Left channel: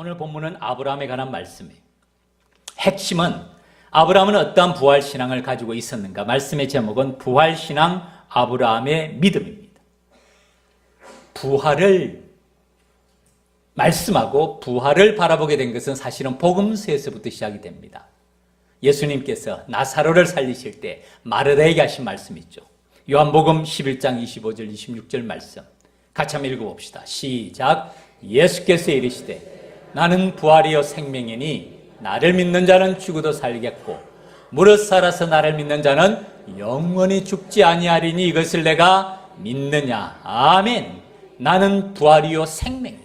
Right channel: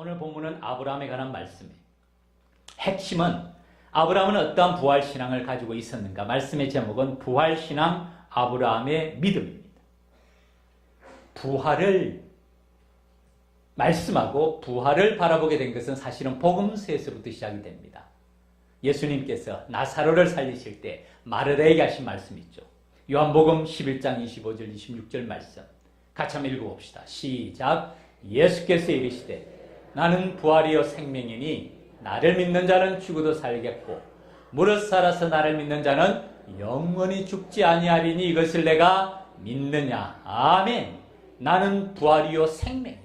오늘 본문은 아브라함에 관한 말씀이에요. 핵심은 아브라함은 어떠한 부활신앙을 가지고 있었는가? 말씀의 제목은 부활신앙 아브라함의 믿음입니다. 부활을 말씀하고 부활을 바라보게 된 것은 사실은 복음서에서부터 시작이 됩니다. 예수님께서 나사로를 살리실 때 마르다에게 하신 말씀 있죠. 요한복음 11장 25절 26절 말씀 같이 한번 읽어봅시다. 시작. 예수께서 이르시되 나는 부활이요 생명이니 나를 믿는 자는 죽어도 살겠고 무릇 살아서 나를 믿는 자는 영원히 죽지 아니하리니 이것을 내가 믿느냐. 아멘. 나는 부활이요 생명이라.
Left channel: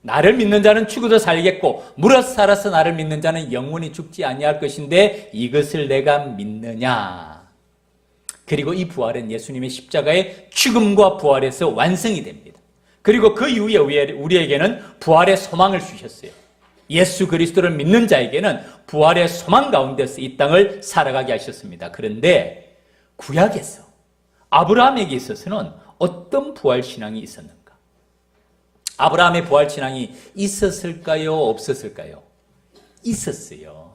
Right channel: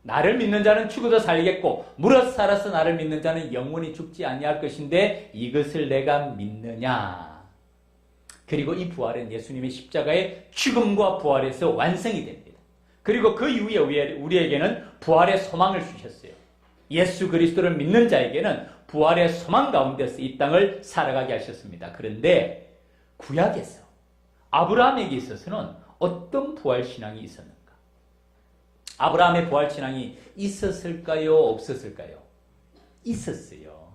나를 믿는 자는 죽어도 살겠고 무릇 살아서 나를 믿는 자는 영원히 죽지 아니할 것인데 이것을 내가 믿느냐. 그리고 이 부활은 예수님의 십자가의 죽음과 부활에서 완성이 됩니다. 그리고 그 이후에 우리에게는 부활의 소망을 주셨어요. 예수 그리스도를 믿는 자에게는 부활의 소망 가운데서 이 땅을 살아가게 하셨습니다. 그런데 구약에서 아브라함에게 있어서는 어떤 부활신앙이 있었는가? 아브라함의 부활신앙이 있었을까요? 없었을까요? 있었어요.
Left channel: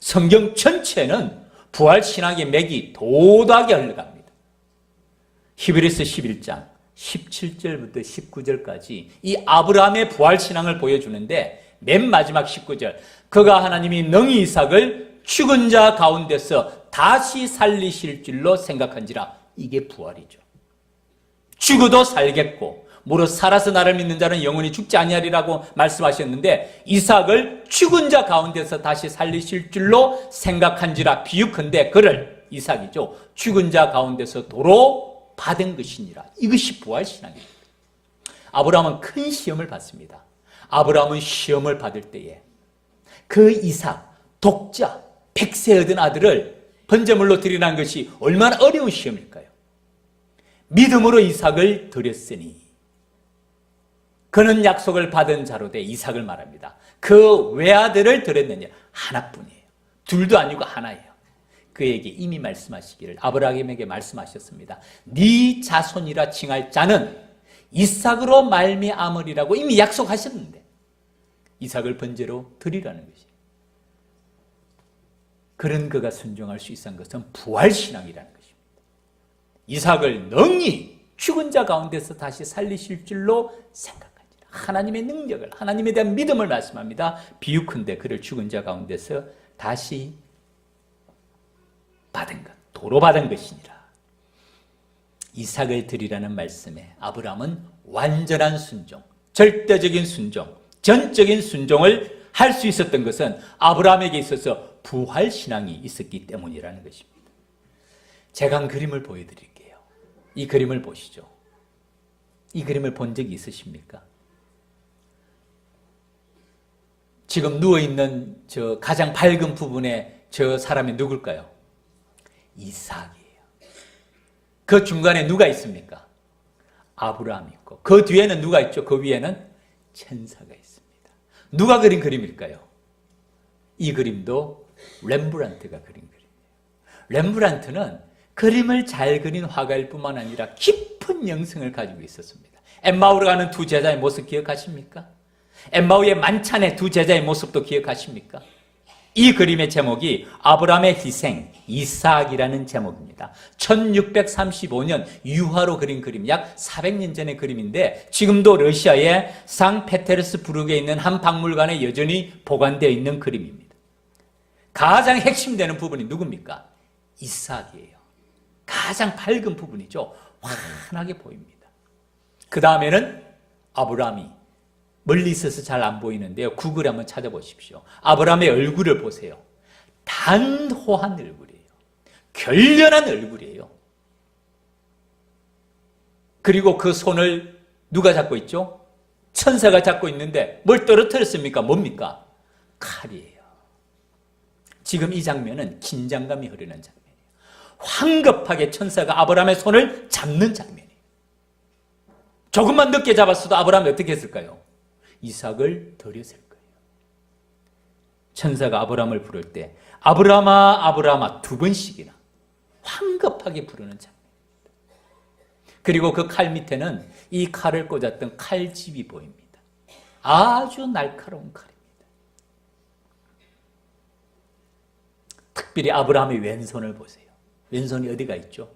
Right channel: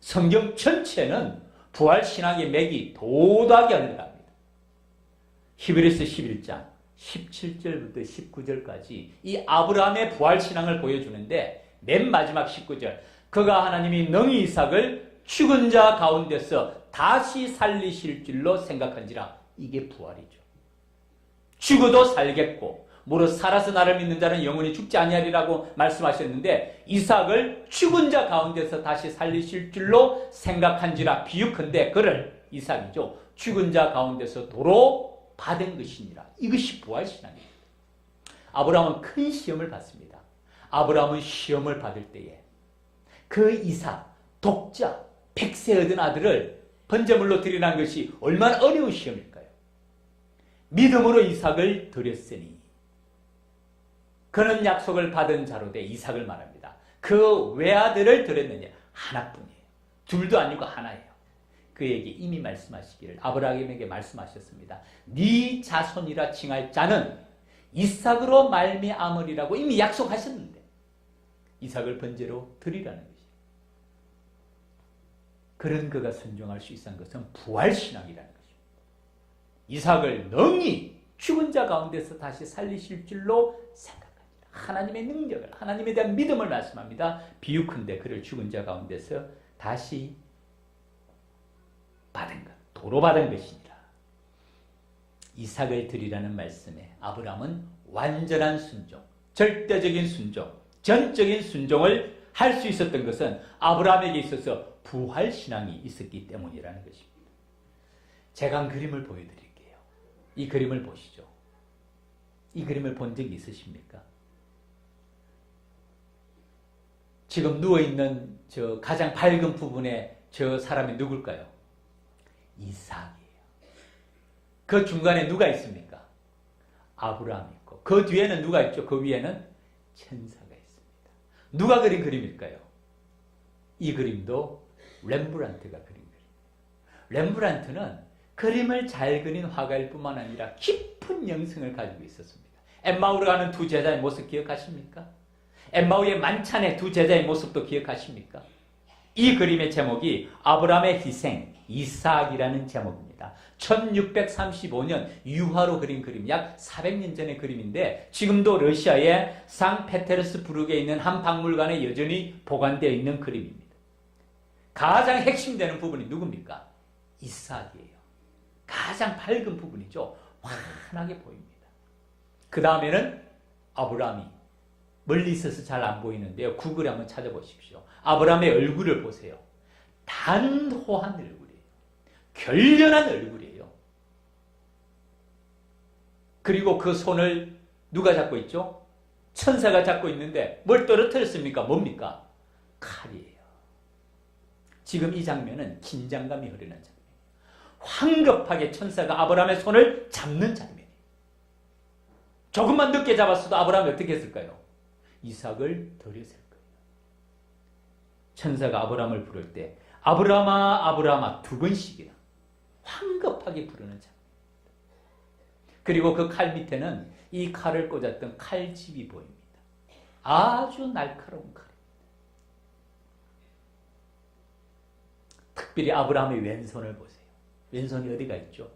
성경 전체는 부활신앙의 맥이 도도하게 흘러갑니다. 히브리서 11장 17절부터 19절까지 이 아브라함의 부활신앙을 보여주는데 맨 마지막 19절 그가 하나님이 능히 이삭을 죽은 자 가운데서 다시 살리실 줄로 생각한지라. 이게 부활이죠. 죽어도 살겠고 무릇 살아서 나를 믿는 자는 영원히 죽지 아니하리라고 말씀하셨는데 이삭을 죽은 자 가운데서 다시 살리실 줄로 생각한지라. 비유컨대 그를 이삭이죠. 죽은 자 가운데서 도로 받은 것이니라. 이것이 부활신앙입니다. 아브라함은 큰 시험을 받습니다. 아브라함은 시험을 받을 때에 그 이삭 독자 100세 얻은 아들을 번제물로 드리라는 것이 얼마나 어려운 시험일까요? 믿음으로 이삭을 드렸으니 그는 약속을 받은 자로 돼 이삭을 말합니다. 그 외아들을 드렸느냐? 하나뿐이에요. 둘도 아니고 하나예요. 그에게 이미 말씀하시기를 아브라함에게 말씀하셨습니다. 네 자손이라 칭할 자는 이삭으로 말미암으리라고 이미 약속하셨는데 이삭을 번제로 드리라는 것이에요. 그런 그가 순종할 수 있었던 것은 부활신앙이라는 것입니다. 이삭을 능히 죽은 자 가운데서 다시 살리실 줄로 생각하니라. 하나님의 능력을, 하나님에 대한 믿음을 말씀합니다. 비유컨대 그를 죽은 자 가운데서 다시 받은 것, 도로 받은 것이니라. 이삭을 드리라는 말씀에 아브라함은 완전한 순종, 절대적인 순종, 전적인 순종을 할 수 있었던 것은 아브라함에게 있어서 부활신앙이 있었기 때문이라는 것입니다. 제가 한 그림을 보여드릴게요. 이 그림을 보시죠. 이 그림을 본 적이 있으십니까? 지금 누워있는 저 가장 밝은 부분에 저 사람이 누굴까요? 이삭이에요. 그 중간에 누가 있습니까? 아브라함이 있고 그 뒤에는 누가 있죠? 그 위에는 천사가 있습니다. 누가 그린 그림일까요? 이 그림도 렘브란트가 그린 그림이에요. 렘브란트는 그림을 잘 그린 화가일 뿐만 아니라 깊은 영성을 가지고 있었습니다. 엠마오로 가는 두 제자의 모습 기억하십니까? 엠마오의 만찬의 두 제자의 모습도 기억하십니까? 이 그림의 제목이 아브라함의 희생, 이삭이라는 제목입니다. 1635년 유화로 그린 그림, 약 400년 전의 그림인데 지금도 러시아의 상페테르스부르크에 있는 한 박물관에 여전히 보관되어 있는 그림입니다. 가장 핵심되는 부분이 누굽니까? 이삭이에요. 가장 밝은 부분이죠. 환하게 보입니다. 그 다음에는 아브라함이 멀리 있어서 잘 안 보이는데요. 구글에 한번 찾아보십시오. 아브라함의 얼굴을 보세요. 단호한 얼굴이에요. 결연한 얼굴이에요. 그리고 그 손을 누가 잡고 있죠? 천사가 잡고 있는데 뭘 떨어뜨렸습니까? 뭡니까? 칼이에요. 지금 이 장면은 긴장감이 흐르는 장면이에요. 황급하게 천사가 아브라함의 손을 잡는 장면이에요. 조금만 늦게 잡았어도 아브라함이 어떻게 했을까요? 이삭을 드렸을 거예요. 천사가 아브라함을 부를 때 아브라함아 아브라함아 두 번씩이나 황급하게 부르는 장면입니다. 그리고 그 칼 밑에는 이 칼을 꽂았던 칼집이 보입니다. 아주 날카로운 칼입니다. 특별히 아브라함의 왼손을 보세요. 왼손이 어디가 있죠?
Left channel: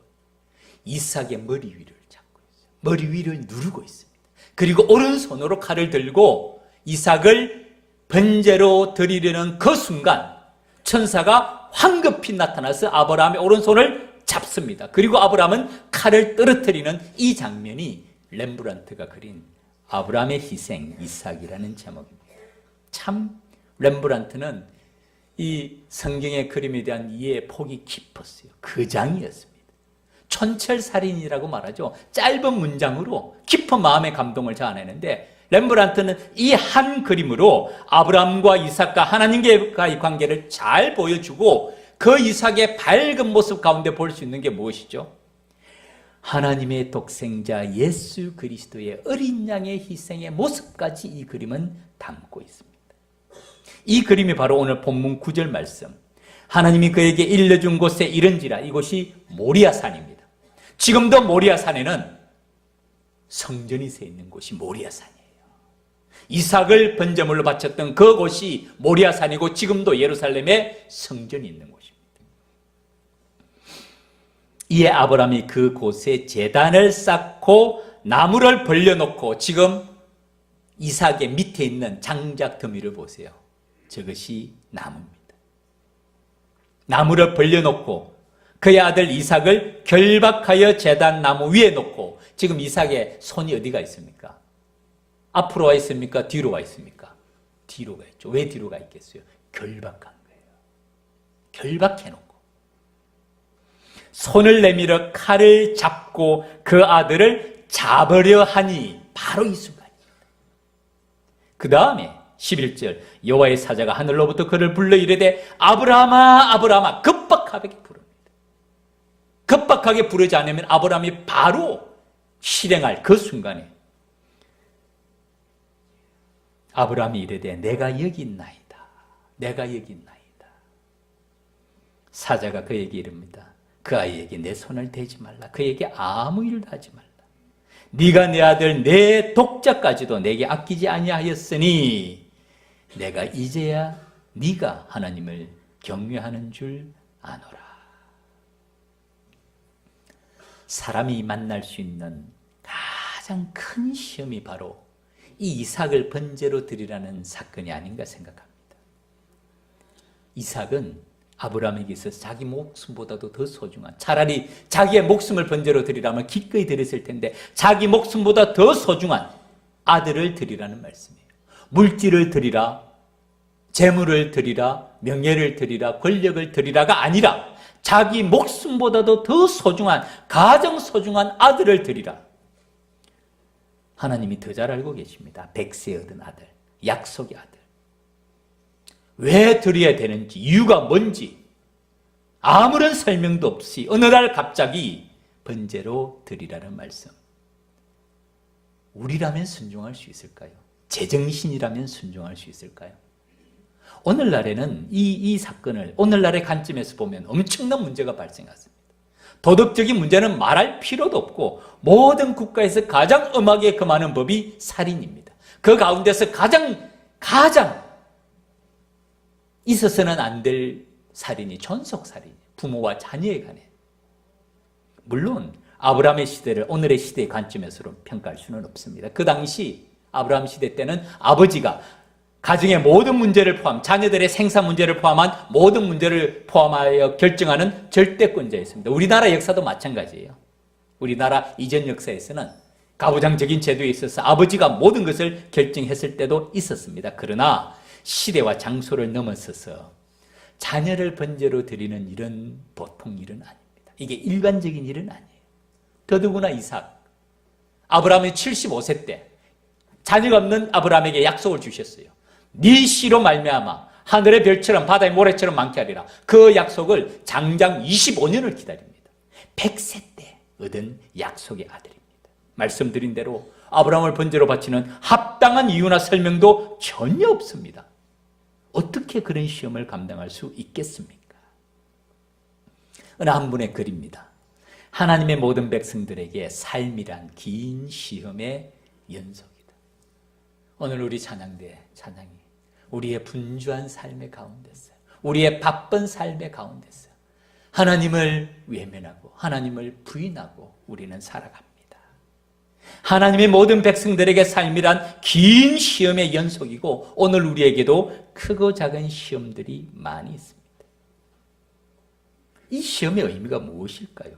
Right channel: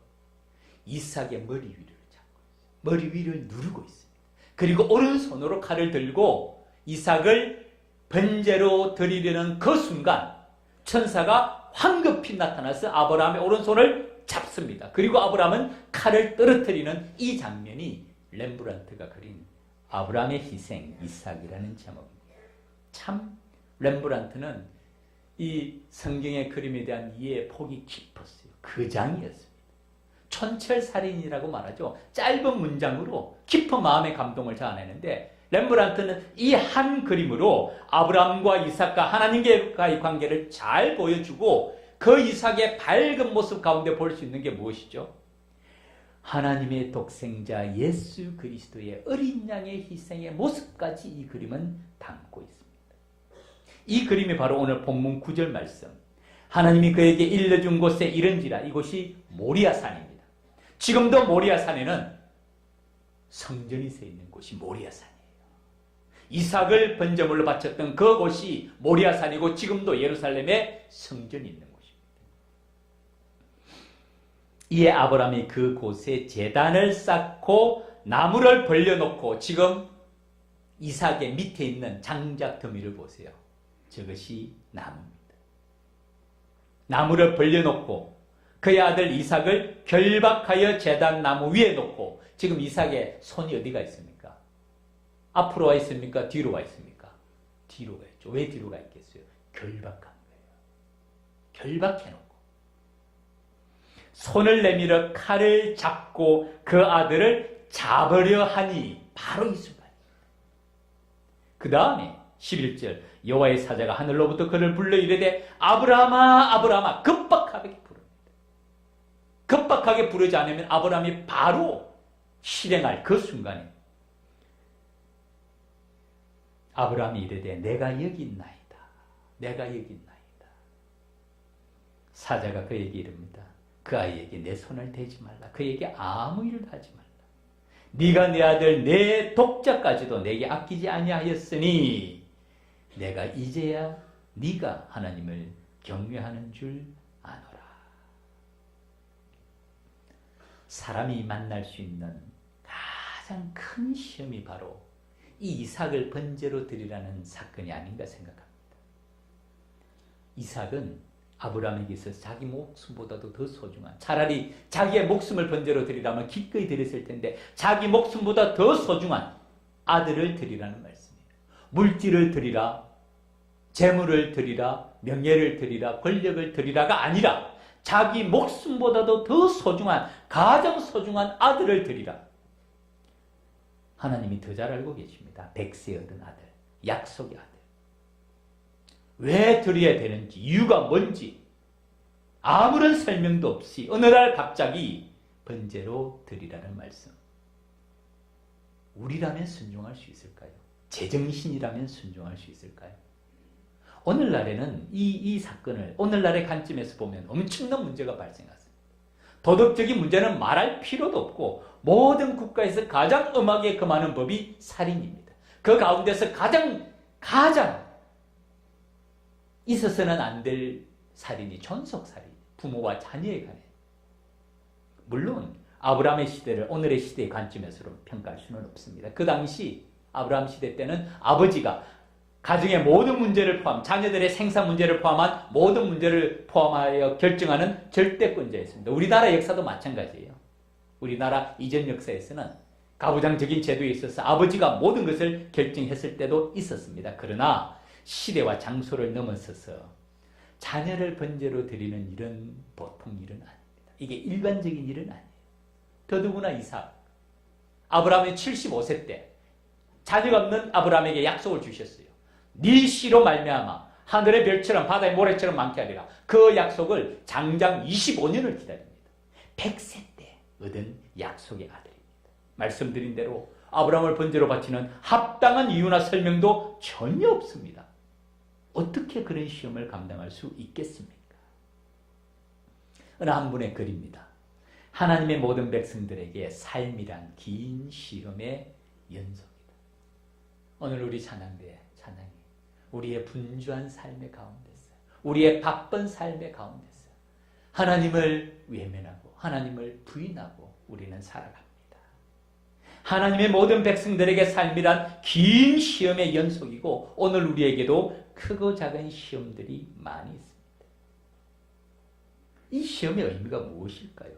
이삭의 머리 위를 잡고 있어요. 머리 위를 누르고 있습니다. 그리고 오른손으로 칼을 들고 이삭을 번제로 드리려는 그 순간 천사가 황급히 나타나서 아브라함의 오른손을 잡습니다. 그리고 아브라함은 칼을 떨어뜨리는 이 장면이 렘브란트가 그린 아브라함의 희생 이삭이라는 제목입니다. 참 렘브란트는 이 성경의 그림에 대한 이해의 폭이 깊었어요. 그 장이었습니다. 촌철살인이라고 말하죠. 짧은 문장으로 깊은 마음의 감동을 자아내는데 렘브란트는 이 한 그림으로 아브라함과 이삭과 하나님과의 관계를 잘 보여주고 그 이삭의 밝은 모습 가운데 볼 수 있는 게 무엇이죠? 하나님의 독생자 예수 그리스도의 어린 양의 희생의 모습까지 이 그림은 담고 있습니다. 이 그림이 바로 오늘 본문 9절 말씀. 하나님이 그에게 일러준 곳에 이른지라. 이곳이 모리아산입니다. 지금도 모리아산에는 성전이 서 있는 곳이 모리아산이에요. 이삭을 번제물로 바쳤던 그곳이 모리아산이고 지금도 예루살렘에 성전이 있는 곳입니다. 이에 아브라함이 그곳에 제단을 쌓고 나무를 벌려놓고 지금 이삭의 밑에 있는 장작 더미를 보세요. 저것이 나무입니다. 나무를 벌려놓고 그의 아들 이삭을 결박하여 제단 나무 위에 놓고 지금 이삭의 손이 어디가 있습니까? 앞으로 와 있습니까? 뒤로 와 있습니까? 뒤로 가 있죠. 왜 뒤로 가 있겠어요? 결박한 거예요. 결박해놓고 손을 내밀어 칼을 잡고 그 아들을 잡으려 하니 바로 이 순간입니다. 그 다음에 11절 여호와의 사자가 하늘로부터 그를 불러 이르되 아브라함아 아브라함아 급박하게 부릅니다. 급박하게 부르지 않으면 아브라함이 바로 실행할 그 순간에 아브라함이 이르되 내가 여기 있나이다. 내가 여기 있나이다. 사자가 그에게 이릅니다. 그 아이에게 내 손을 대지 말라. 그에게 아무 일도 하지 말라. 네가 내 아들 내 독자까지도 내게 아끼지 아니하였으니 내가 이제야 네가 하나님을 경외하는 줄 아노라. 사람이 만날 수 있는 가장 큰 시험이 바로 이 이삭을 번제로 드리라는 사건이 아닌가 생각합니다. 이삭은 아브라함에게 있어서 자기 목숨보다도 더 소중한, 차라리 자기의 목숨을 번제로 드리라면 기꺼이 드렸을 텐데 자기 목숨보다 더 소중한 아들을 드리라는 말씀이에요. 물질을 드리라, 재물을 드리라, 명예를 드리라, 권력을 드리라가 아니라 자기 목숨보다도 더 소중한, 가장 소중한 아들을 드리라. 하나님이 더 잘 알고 계십니다. 백세 얻은 아들, 약속의 아들. 왜 드려야 되는지, 이유가 뭔지 아무런 설명도 없이 어느 날 갑자기 번제로 드리라는 말씀. 우리라면 순종할 수 있을까요? 제정신이라면 순종할 수 있을까요? 오늘날에는 이 사건을 오늘날의 관점에서 보면 엄청난 문제가 발생했습니다. 도덕적인 문제는 말할 필요도 없고 모든 국가에서 가장 엄하게 금하는 법이 살인입니다. 그 가운데서 가장 있어서는 안 될 살인이 존속살인, 부모와 자녀에 관해. 물론 아브라함의 시대를 오늘의 시대의 관점에서 평가할 수는 없습니다. 그 당시 아브라함 시대 때는 아버지가 가정의 모든 문제를 포함, 자녀들의 생산 문제를 포함한 모든 문제를 포함하여 결정하는 절대권자였습니다. 우리나라 역사도 마찬가지예요. 우리나라 이전 역사에서는 가부장적인 제도에 있어서 아버지가 모든 것을 결정했을 때도 있었습니다. 그러나 시대와 장소를 넘어서서 자녀를 번제로 드리는 일은 보통 일은 아닙니다. 이게 일반적인 일은 아니에요. 더더구나 이삭, 아브라함이 75세 때 자녀가 없는 아브라함에게 약속을 주셨어요. 네 씨로 말미암아 하늘의 별처럼 바다의 모래처럼 많게 하리라. 그 약속을 장장 25년을 기다립니다. 100세 때 얻은 약속의 아들입니다. 말씀드린 대로 아브라함을 번제로 바치는 합당한 이유나 설명도 전혀 없습니다. 어떻게 그런 시험을 감당할 수 있겠습니까? 어느 한 분의 글입니다. 하나님의 모든 백성들에게 삶이란 긴 시험의 연속이다. 오늘 우리 찬양이 우리의 분주한 삶의 가운데서, 우리의 바쁜 삶의 가운데서 하나님을 외면하고 하나님을 부인하고 우리는 살아갑니다. 하나님의 모든 백성들에게 삶이란 긴 시험의 연속이고 오늘 우리에게도 크고 작은 시험들이 많이 있습니다. 이 시험의 의미가 무엇일까요?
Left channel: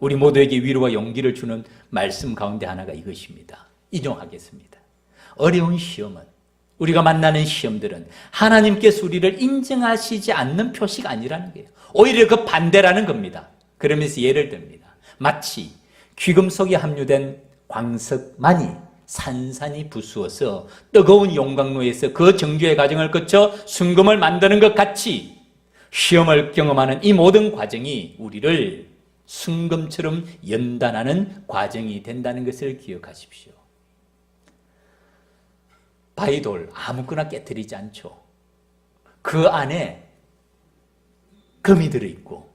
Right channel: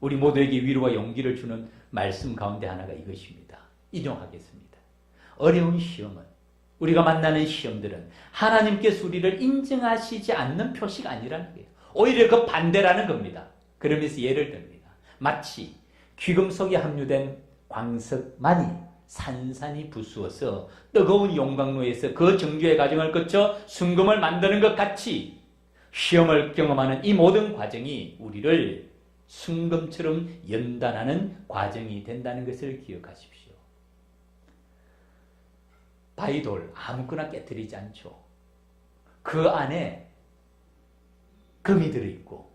우리 모두에게 위로와 용기를 주는 말씀 가운데 하나가 이것입니다. 인용하겠습니다. 어려운 시험은, 우리가 만나는 시험들은 하나님께서 우리를 인정하시지 않는 표시가 아니라는 거예요. 오히려 그 반대라는 겁니다. 그러면서 예를 듭니다. 마치 귀금속에 함유된 광석만이 산산이 부수어서 뜨거운 용광로에서 그 정교의 과정을 거쳐 순금을 만드는 것 같이 시험을 경험하는 이 모든 과정이 우리를 순금처럼 연단하는 과정이 된다는 것을 기억하십시오. 바위돌 아무거나 깨뜨리지 않죠. 그 안에 금이 들어있고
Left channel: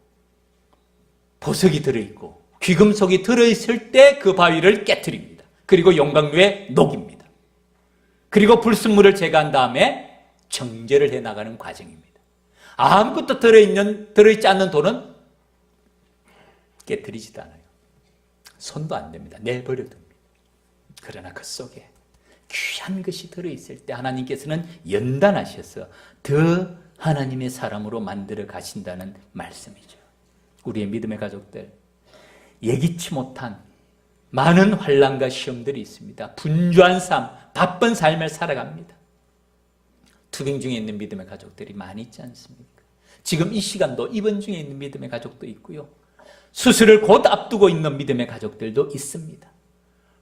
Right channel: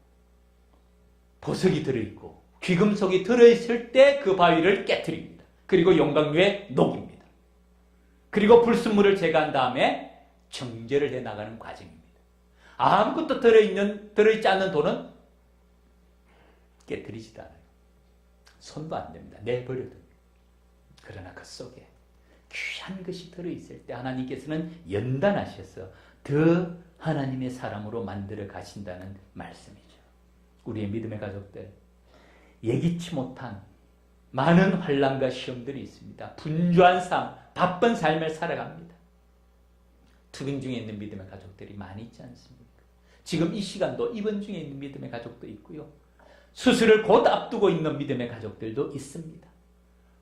보석이 들어있고 귀금속이 들어있을 때 그 바위를 깨뜨립니다. 그리고 용광로에 녹입니다. 그리고 불순물을 제거한 다음에 정제를 해나가는 과정입니다. 아무것도 들어있지 않는 돌은 깨뜨리지도 않아요. 손도 안 됩니다. 내버려 둡니다. 그러나 그 속에 귀한 것이 들어있을 때 하나님께서는 연단하셔서 더 하나님의 사람으로 만들어 가신다는 말씀이죠. 우리의 믿음의 가족들, 예기치 못한 많은 환난과 시험들이 있습니다. 분주한 삶, 바쁜 삶을 살아갑니다. 투병 중에 있는 믿음의 가족들이 많이 있지 않습니까? 지금 이 시간도 입원 중에 있는 믿음의 가족도 있고요. 수술을 곧 앞두고 있는 믿음의 가족들도 있습니다.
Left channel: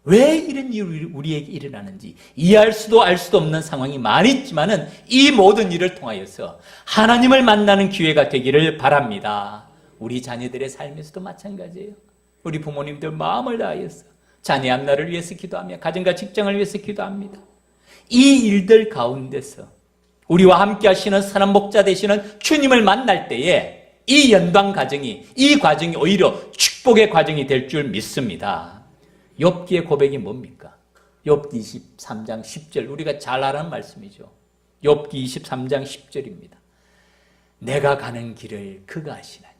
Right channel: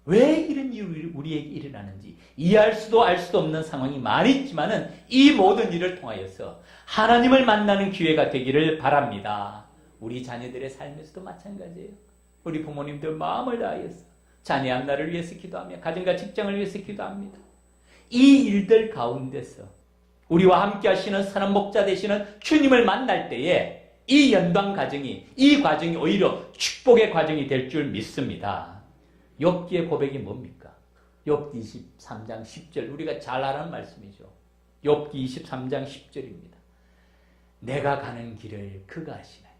왜 이런 일이 우리에게 일어나는지 이해할 수도 알 수도 없는 상황이 많이 있지만은 이 모든 일을 통하여서 하나님을 만나는 기회가 되기를 바랍니다. 우리 자녀들의 삶에서도 마찬가지예요. 우리 부모님들 마음을 다하여서 자녀 앞날을 위해서 기도하며 가정과 직장을 위해서 기도합니다. 이 일들 가운데서 우리와 함께 하시는 선한 목자 되시는 주님을 만날 때에 이 연단 과정이, 이 과정이 오히려 축복의 과정이 될 줄 믿습니다. 욥기의 고백이 뭡니까? 욥기 23장 10절, 우리가 잘 아는 말씀이죠. 욥기 23장 10절입니다. 내가 가는 길을 그가 아시나니.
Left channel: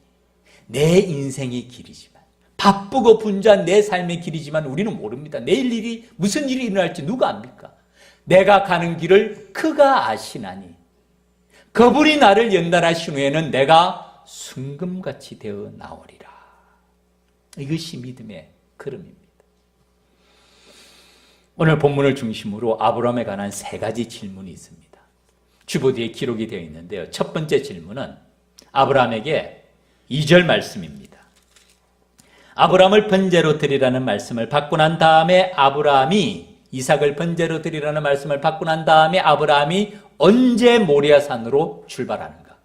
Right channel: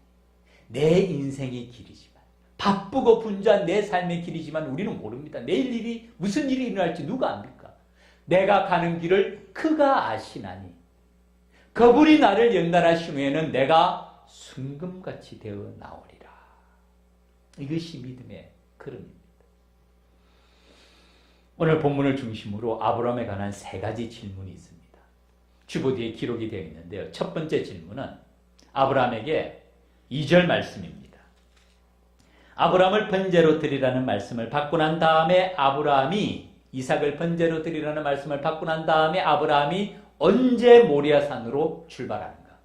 내 인생의 길이지만, 바쁘고 분주한 내 삶의 길이지만 우리는 모릅니다. 내일 일이 무슨 일이 일어날지 누가 압니까? 내가 가는 길을 그가 아시나니 그분이 나를 연단하신 후에는 내가 순금같이 되어 나오리라. 이것이 믿음의 걸음입니다. 오늘 본문을 중심으로 아브라함에 관한 세 가지 질문이 있습니다. 주보기에 기록이 되어 있는데요. 첫 번째 질문은 아브라함에게 2절 말씀입니다. 아브라함을 번제로 드리라는 말씀을 받고 난 다음에 아브라함이 이삭을 번제로 드리라는 말씀을 받고 난 다음에 아브라함이 언제 모리아산으로 출발하는가?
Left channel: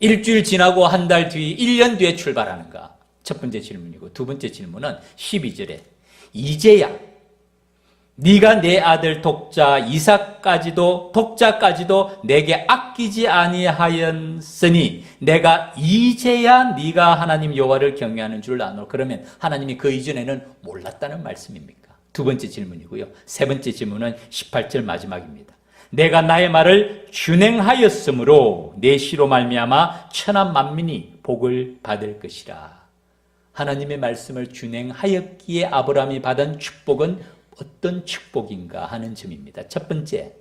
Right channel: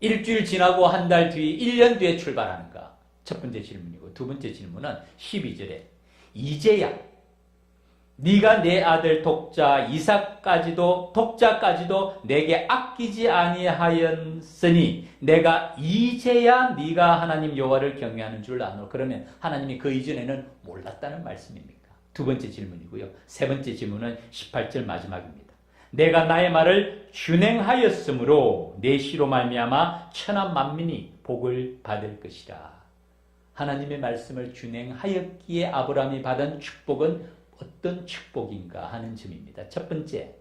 일주일 지나고 한 달 뒤, 1년 뒤에 출발하는가? 첫 번째 질문이고 두 번째 질문은 12절에 이제야 네가 내 아들 독자까지도 내게 아끼지 아니하였으니 내가 이제야 네가 하나님 여호와를 경외하는 줄 아노. 그러면 하나님이 그 이전에는 몰랐다는 말씀입니까? 두 번째 질문이고요. 세 번째 질문은 18절 마지막입니다. 내가 나의 말을 준행하였으므로 내 시로 말미암아 천한 만민이 복을 받을 것이라. 하나님의 말씀을 준행하였기에 아브라함이 받은 축복은 어떤 축복인가 하는 점입니다. 첫 번째,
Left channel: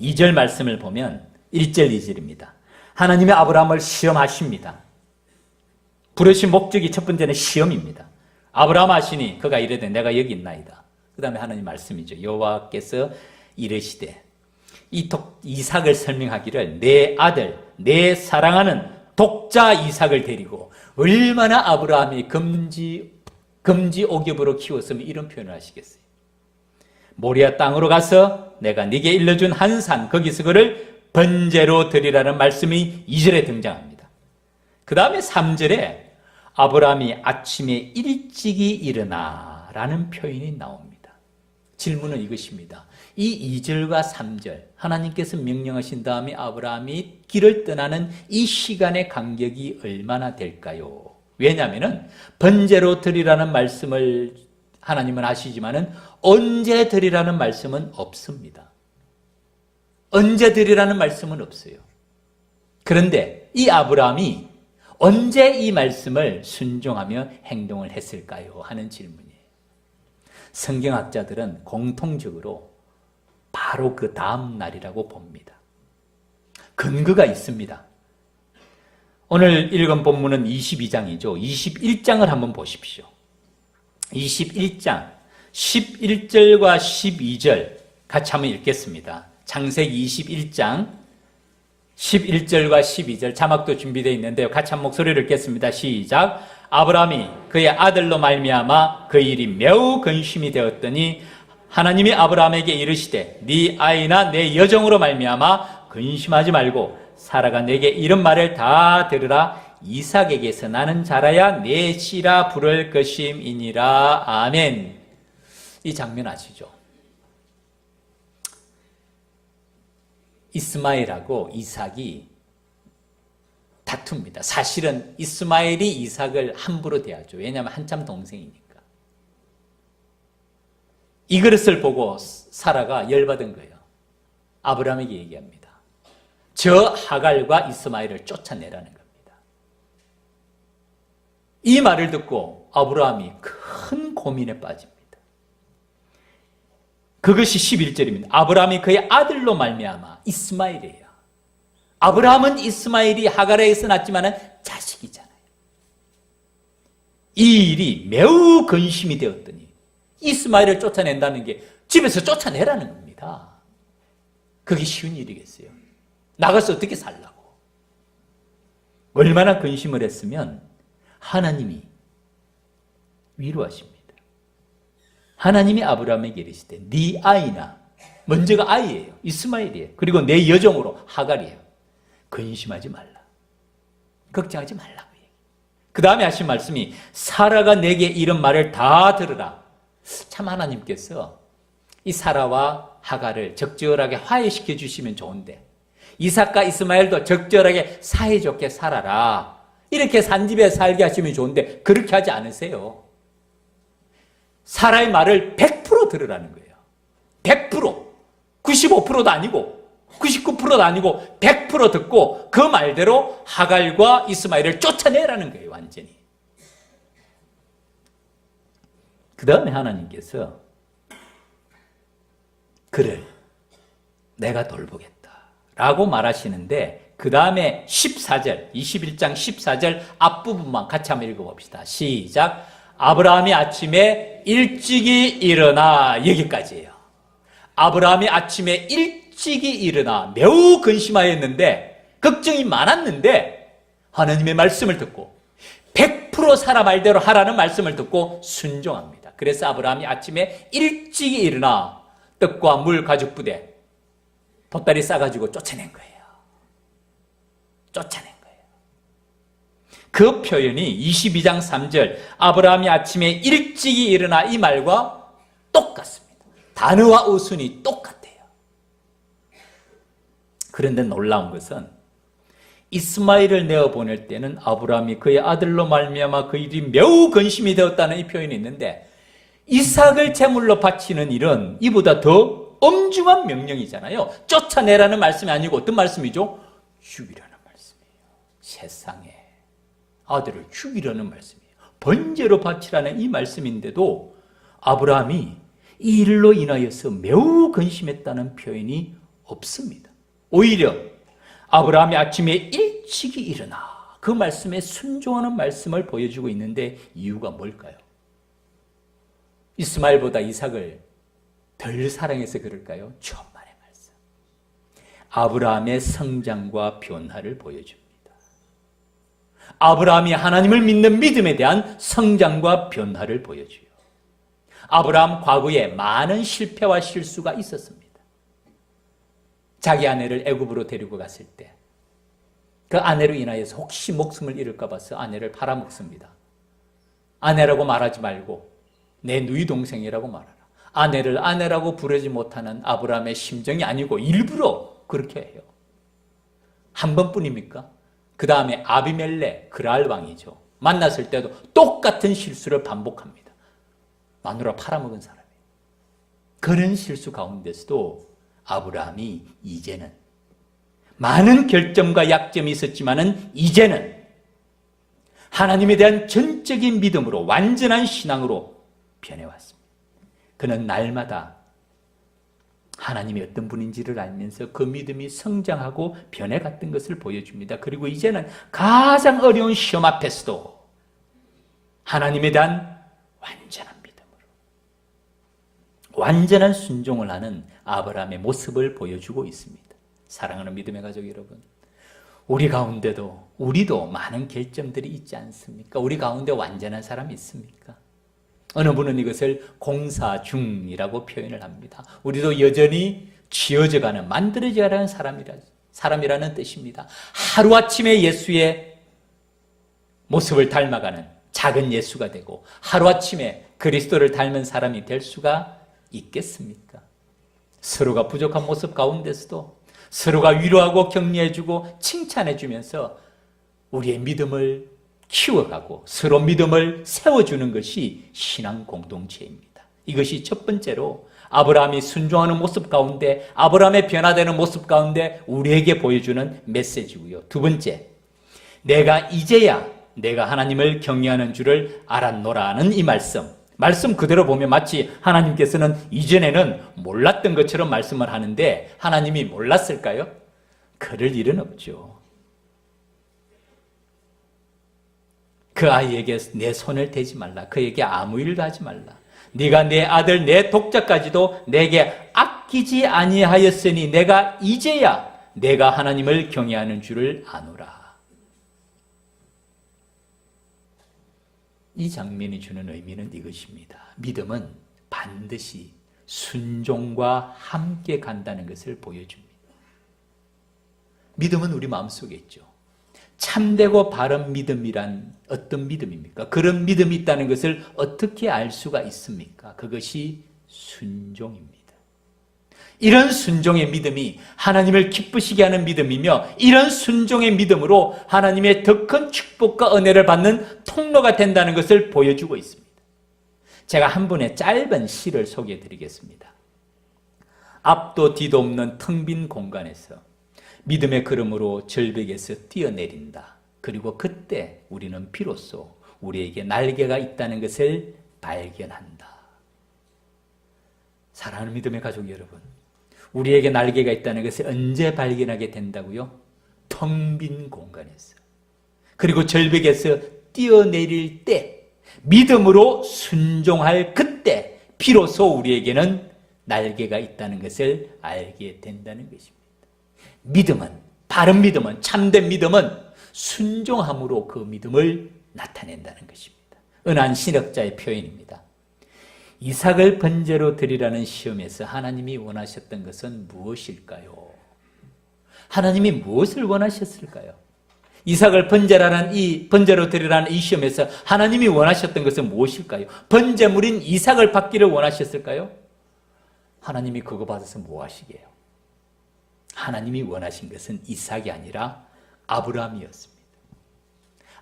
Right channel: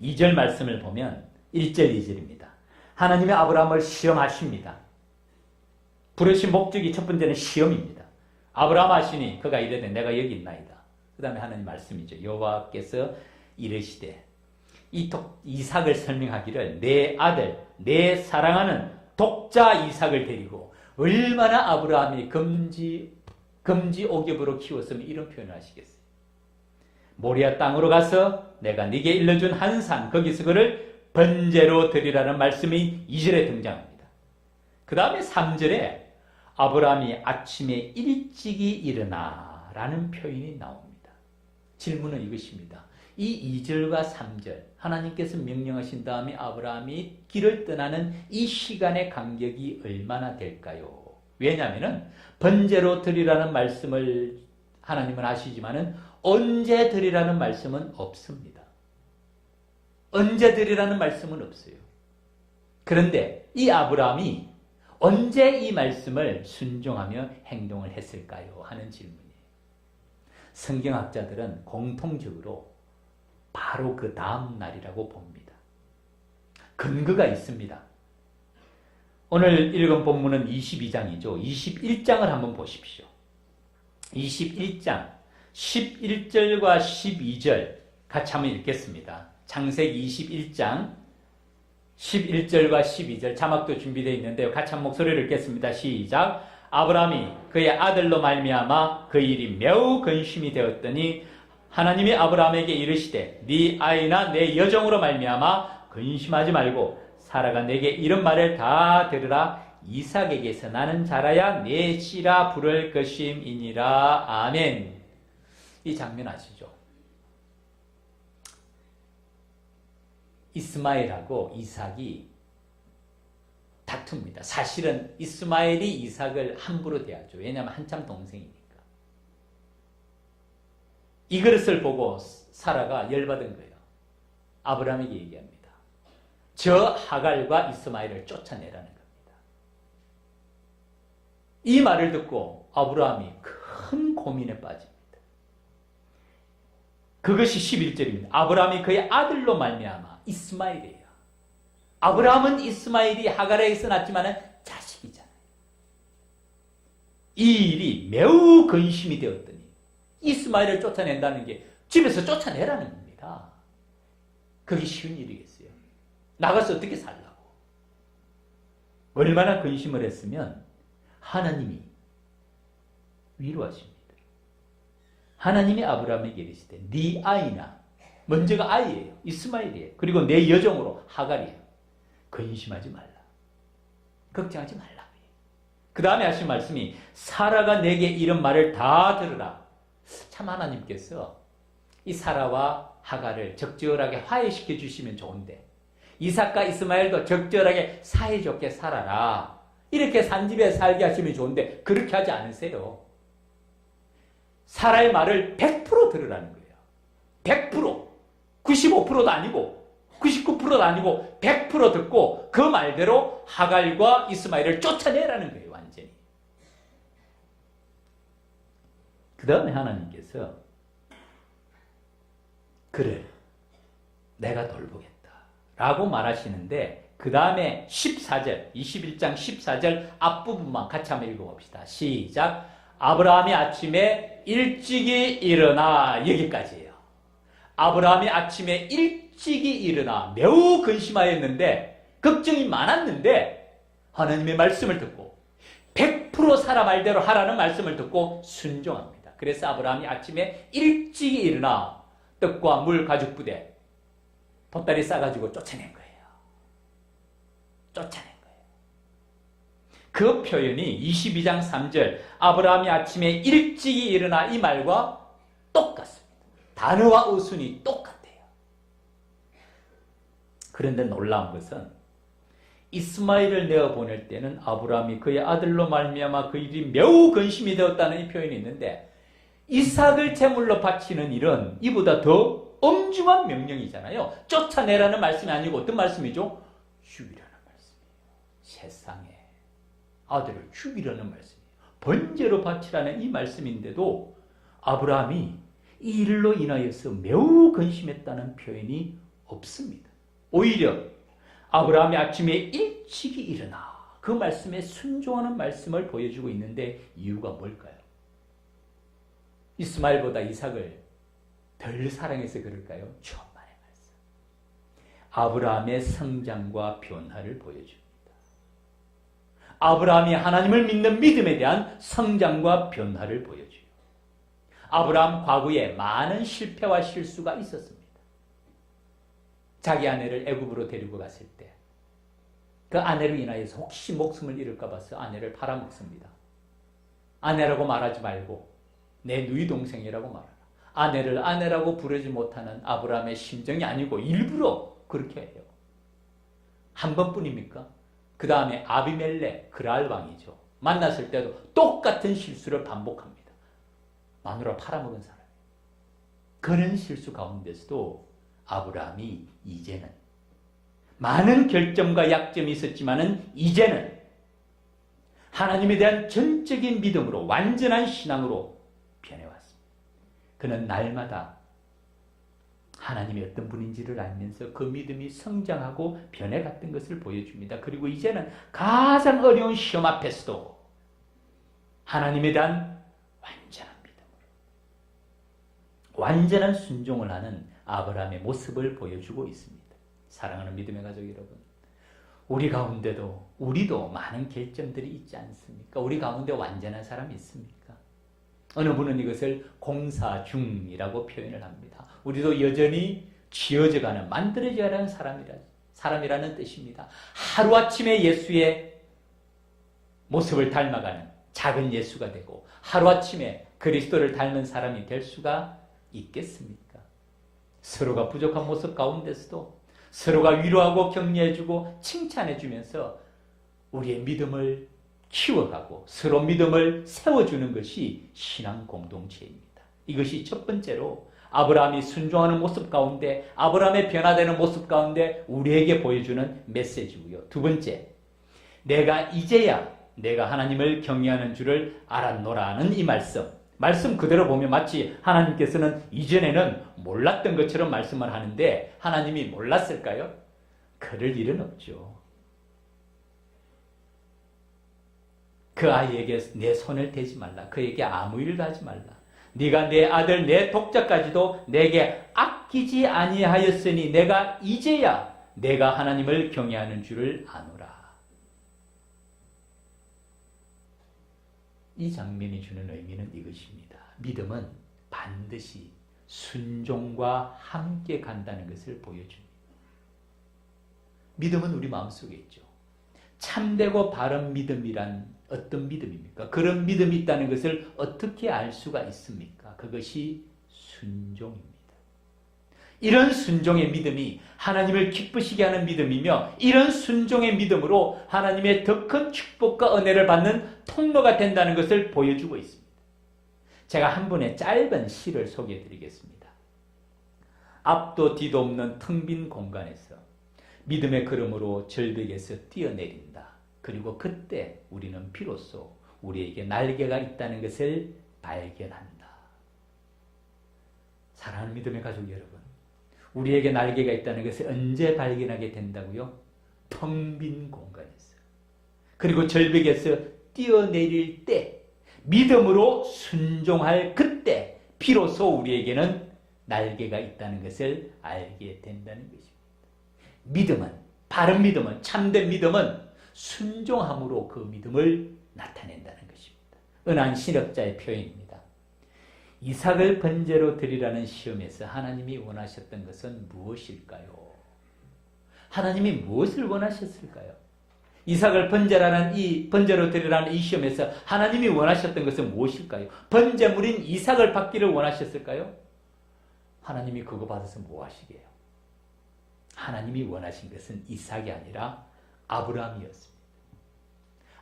2절 말씀을 보면 1절 2절입니다. 하나님의 아브라함을 시험하십니다. 부르신 목적이 첫 번째는 시험입니다. 아브라함 하시니 그가 이르되 내가 여기 있나이다. 그 다음에 하나님 말씀이죠. 여호와께서 이르시되 이삭을 설명하기를 내 아들 내 사랑하는 독자 이삭을 데리고 얼마나 아브라함이 금지 옥엽으로 키웠으면 이런 표현을 하시겠어요. 모리아 땅으로 가서 내가 네게 일러준 한 산 거기서 그를 번제로 드리라는 말씀이 2절에 등장합니다. 그 다음에 3절에 아브라함이 아침에 일찍이 일어나 라는 표현이 나옵니다. 질문은 이것입니다. 이 2절과 3절 하나님께서 명령하신 다음에 아브라함이 길을 떠나는 이 시간의 간격이 얼마나 될까요? 왜냐하면 번제로 드리라는 말씀을 하나님은 아시지만은 언제 드리라는 말씀은 없습니다. 언제 드리라는 말씀은 없어요. 그런데 이 아브라함이 언제 이 말씀을 순종하며 행동을 했을까요? 하는 질문이에요. 성경학자들은 공통적으로 바로 그 다음 날이라고 봅니다. 근거가 있습니다. 오늘 읽은 본문은 22장이죠. 21장을 한번 보십시오. 21장 11절과 12절 같이 한번 읽겠습니다. 창세기 21장 11절과 12절 자막도 준비되어 있는데요. 같이 한 목소리를 읽겠습니다. 시작. 아브라함이 그의 아들로 말미암아 그 일이 매우 근심이 되었더니 하나님이 아브라함에게 이르시되 네 아이나 내 여종으로 말미암아 근심하지 말고 사라가 내게 이런 말을 다 들으라. 이삭에게서 나는 자라야 내 씨라 부를 것임이니라. 아멘. 이 장면 아시죠? 이스마엘하고 이삭이 다툽니다. 사실은 이스마엘이 이삭을 함부로 대하죠. 왜냐하면 한참 동생이니까. 이 그릇을 보고 사라가 열받은 거예요. 아브라함에게 얘기합니다. 저 하갈과 이스마엘을 쫓아내라는 겁니다. 이 말을 듣고 아브라함이 큰 고민에 빠집니다. 그것이 11절입니다. 아브라함이 그의 아들로 말미암아 이스마엘이에요. 아브라함은 이스마엘이 하갈에서 낳았지만 자식이잖아요. 이 일이 매우 근심이 되었더니 이스마엘을 쫓아낸다는 게 집에서 쫓아내라는 겁니다. 그게 쉬운 일이겠어요. 나가서 어떻게 살라고. 얼마나 근심을 했으면 하나님이 위로하십니다. 하나님이 아브라함에게 이르시되 네 아이나, 먼저가 아이예요. 이스마엘이에요. 그리고 내 여종으로 하갈이에요. 근심하지 말라. 걱정하지 말라고. 그 다음에 하신 말씀이 사라가 내게 이런 말을 다 들으라. 참 하나님께서 이 사라와 하갈을 적절하게 화해시켜 주시면 좋은데 이삭과 이스마엘도 적절하게 사이좋게 살아라. 이렇게 산집에 살게 하시면 좋은데 그렇게 하지 않으세요. 사라의 말을 100% 들으라는 거예요. 100%. 95%도 아니고 99%도 아니고 100% 듣고 그 말대로 하갈과 이스마엘을 쫓아내라는 거예요. 완전히. 그 다음에 하나님께서 그를 내가 돌보겠다 라고 말하시는데 그 다음에 14절 21장 14절 앞부분만 같이 한번 읽어봅시다. 시작. 아브라함이 아침에 일찍이 일어나. 여기까지예요. 아브라함이 아침에 일찍이 일어나 매우 근심하였는데 걱정이 많았는데 하나님의 말씀을 듣고 100% 사라 말대로 하라는 말씀을 듣고 순종합니다. 그래서 아브라함이 아침에 일찍이 일어나 떡과 물 가죽 부대 보따리 싸가지고 쫓아낸 거예요. 쫓아낸 거예요. 그 표현이 22장 3절 아브라함이 아침에 일찍이 일어나 이 말과 똑같습니다. 단어와 어순이 똑같아요. 그런데 놀라운 것은 이스마엘을 내어보낼 때는 아브라함이 그의 아들로 말미암아 그 일이 매우 근심이 되었다는 이 표현이 있는데 이삭을 제물로 바치는 일은 이보다 더 엄중한 명령이잖아요. 쫓아내라는 말씀이 아니고 어떤 말씀이죠? 죽이라는 말씀이에요. 세상에 아들을 죽이라는 말씀이에요. 번제로 바치라는 이 말씀인데도 아브라함이 이 일로 인하여서 매우 근심했다는 표현이 없습니다. 오히려 아브라함이 아침에 일찍이 일어나 그 말씀에 순종하는 말씀을 보여주고 있는데 이유가 뭘까요? 이스마엘보다 이삭을 덜 사랑해서 그럴까요? 천만의 말씀. 아브라함의 성장과 변화를 보여줍니다. 아브라함이 하나님을 믿는 믿음에 대한 성장과 변화를 보여줘요. 아브라함 과거에 많은 실패와 실수가 있었습니다. 자기 아내를 애굽으로 데리고 갔을 때 그 아내로 인하여서 혹시 목숨을 잃을까 봐서 아내를 팔아먹습니다. 아내라고 말하지 말고 내 누이 동생이라고 말하라. 아내를 아내라고 부르지 못하는 아브라함의 심정이 아니고 일부러 그렇게 해요. 한 번뿐입니까? 그 다음에 아비멜렉 그랄 왕이죠. 만났을 때도 똑같은 실수를 반복합니다. 마누라 팔아먹은 사람이에요. 그런 실수 가운데서도 아브라함이 이제는 많은 결점과 약점이 있었지만은 이제는 하나님에 대한 전적인 믿음으로 완전한 신앙으로 변해왔습니다. 그는 날마다 하나님이 어떤 분인지를 알면서 그 믿음이 성장하고 변해갔던 것을 보여줍니다. 그리고 이제는 가장 어려운 시험 앞에서도 하나님에 대한 완전한 믿음으로 완전한 순종을 하는 아브라함의 모습을 보여주고 있습니다. 사랑하는 믿음의 가족 여러분, 우리 가운데도 우리도 많은 결점들이 있지 않습니까? 우리 가운데 완전한 사람이 있습니까? 어느 분은 이것을 공사 중이라고 표현을 합니다. 우리도 여전히 지어져가는, 만들어져가는 사람이라는 뜻입니다. 하루아침에 예수의 모습을 닮아가는 작은 예수가 되고 하루아침에 그리스도를 닮은 사람이 될 수가 있겠습니까? 서로가 부족한 모습 가운데서도 서로가 위로하고 격려해주고 칭찬해주면서 우리의 믿음을 키워가고 서로 믿음을 세워주는 것이 신앙 공동체입니다. 이것이 첫 번째로 아브라함이 순종하는 모습 가운데, 아브라함의 변화되는 모습 가운데 우리에게 보여주는 메시지고요. 두 번째, 내가 이제야 내가 하나님을 경외하는 줄을 알았노라는 이 말씀 그대로 보면 마치 하나님께서는 이전에는 몰랐던 것처럼 말씀을 하는데 하나님이 몰랐을까요? 그럴 일은 없죠. 그 아이에게 내 손을 대지 말라. 그에게 아무 일도 하지 말라. 네가 내 아들 내 독자까지도 내게 아끼지 아니하였으니 내가 이제야 내가 하나님을 경외하는 줄을 아노라. 이 장면이 주는 의미는 이것입니다. 믿음은 반드시 순종과 함께 간다는 것을 보여줍니다. 믿음은 우리 마음속에 있죠. 참되고 바른 믿음이란 어떤 믿음입니까? 그런 믿음이 있다는 것을 어떻게 알 수가 있습니까? 그것이 순종입니다. 이런 순종의 믿음이 하나님을 기쁘시게 하는 믿음이며 이런 순종의 믿음으로 하나님의 더 큰 축복과 은혜를 받는 통로가 된다는 것을 보여주고 있습니다. 제가 한 분의 짧은 시를 소개해 드리겠습니다. 앞도 뒤도 없는 텅 빈 공간에서 믿음의 걸음으로 절벽에서 뛰어내린다. 그리고 그때 우리는 비로소 우리에게 날개가 있다는 것을 발견한다. 사랑하는 믿음의 가족 여러분, 우리에게 날개가 있다는 것을 언제 발견하게 된다고요? 텅 빈 공간에서. 그리고 절벽에서 뛰어내릴 때, 믿음으로 순종할 그때 비로소 우리에게는 날개가 있다는 것을 알게 된다는 것입니다. 믿음은, 바른 믿음은, 참된 믿음은 순종함으로 그 믿음을 나타낸다는 것입니다. 은한 신학자의 표현입니다. 이삭을 번제로 드리라는 시험에서 하나님이 원하셨던 것은 무엇일까요? 하나님이 무엇을 원하셨을까요? 이삭을 번제로 드리라는 이 시험에서 하나님이 원하셨던 것은 무엇일까요? 번제물인 이삭을 받기를 원하셨을까요? 하나님이 그거 받아서 뭐 하시게요? 하나님이 원하신 것은 이삭이 아니라 아브라함이었습니다.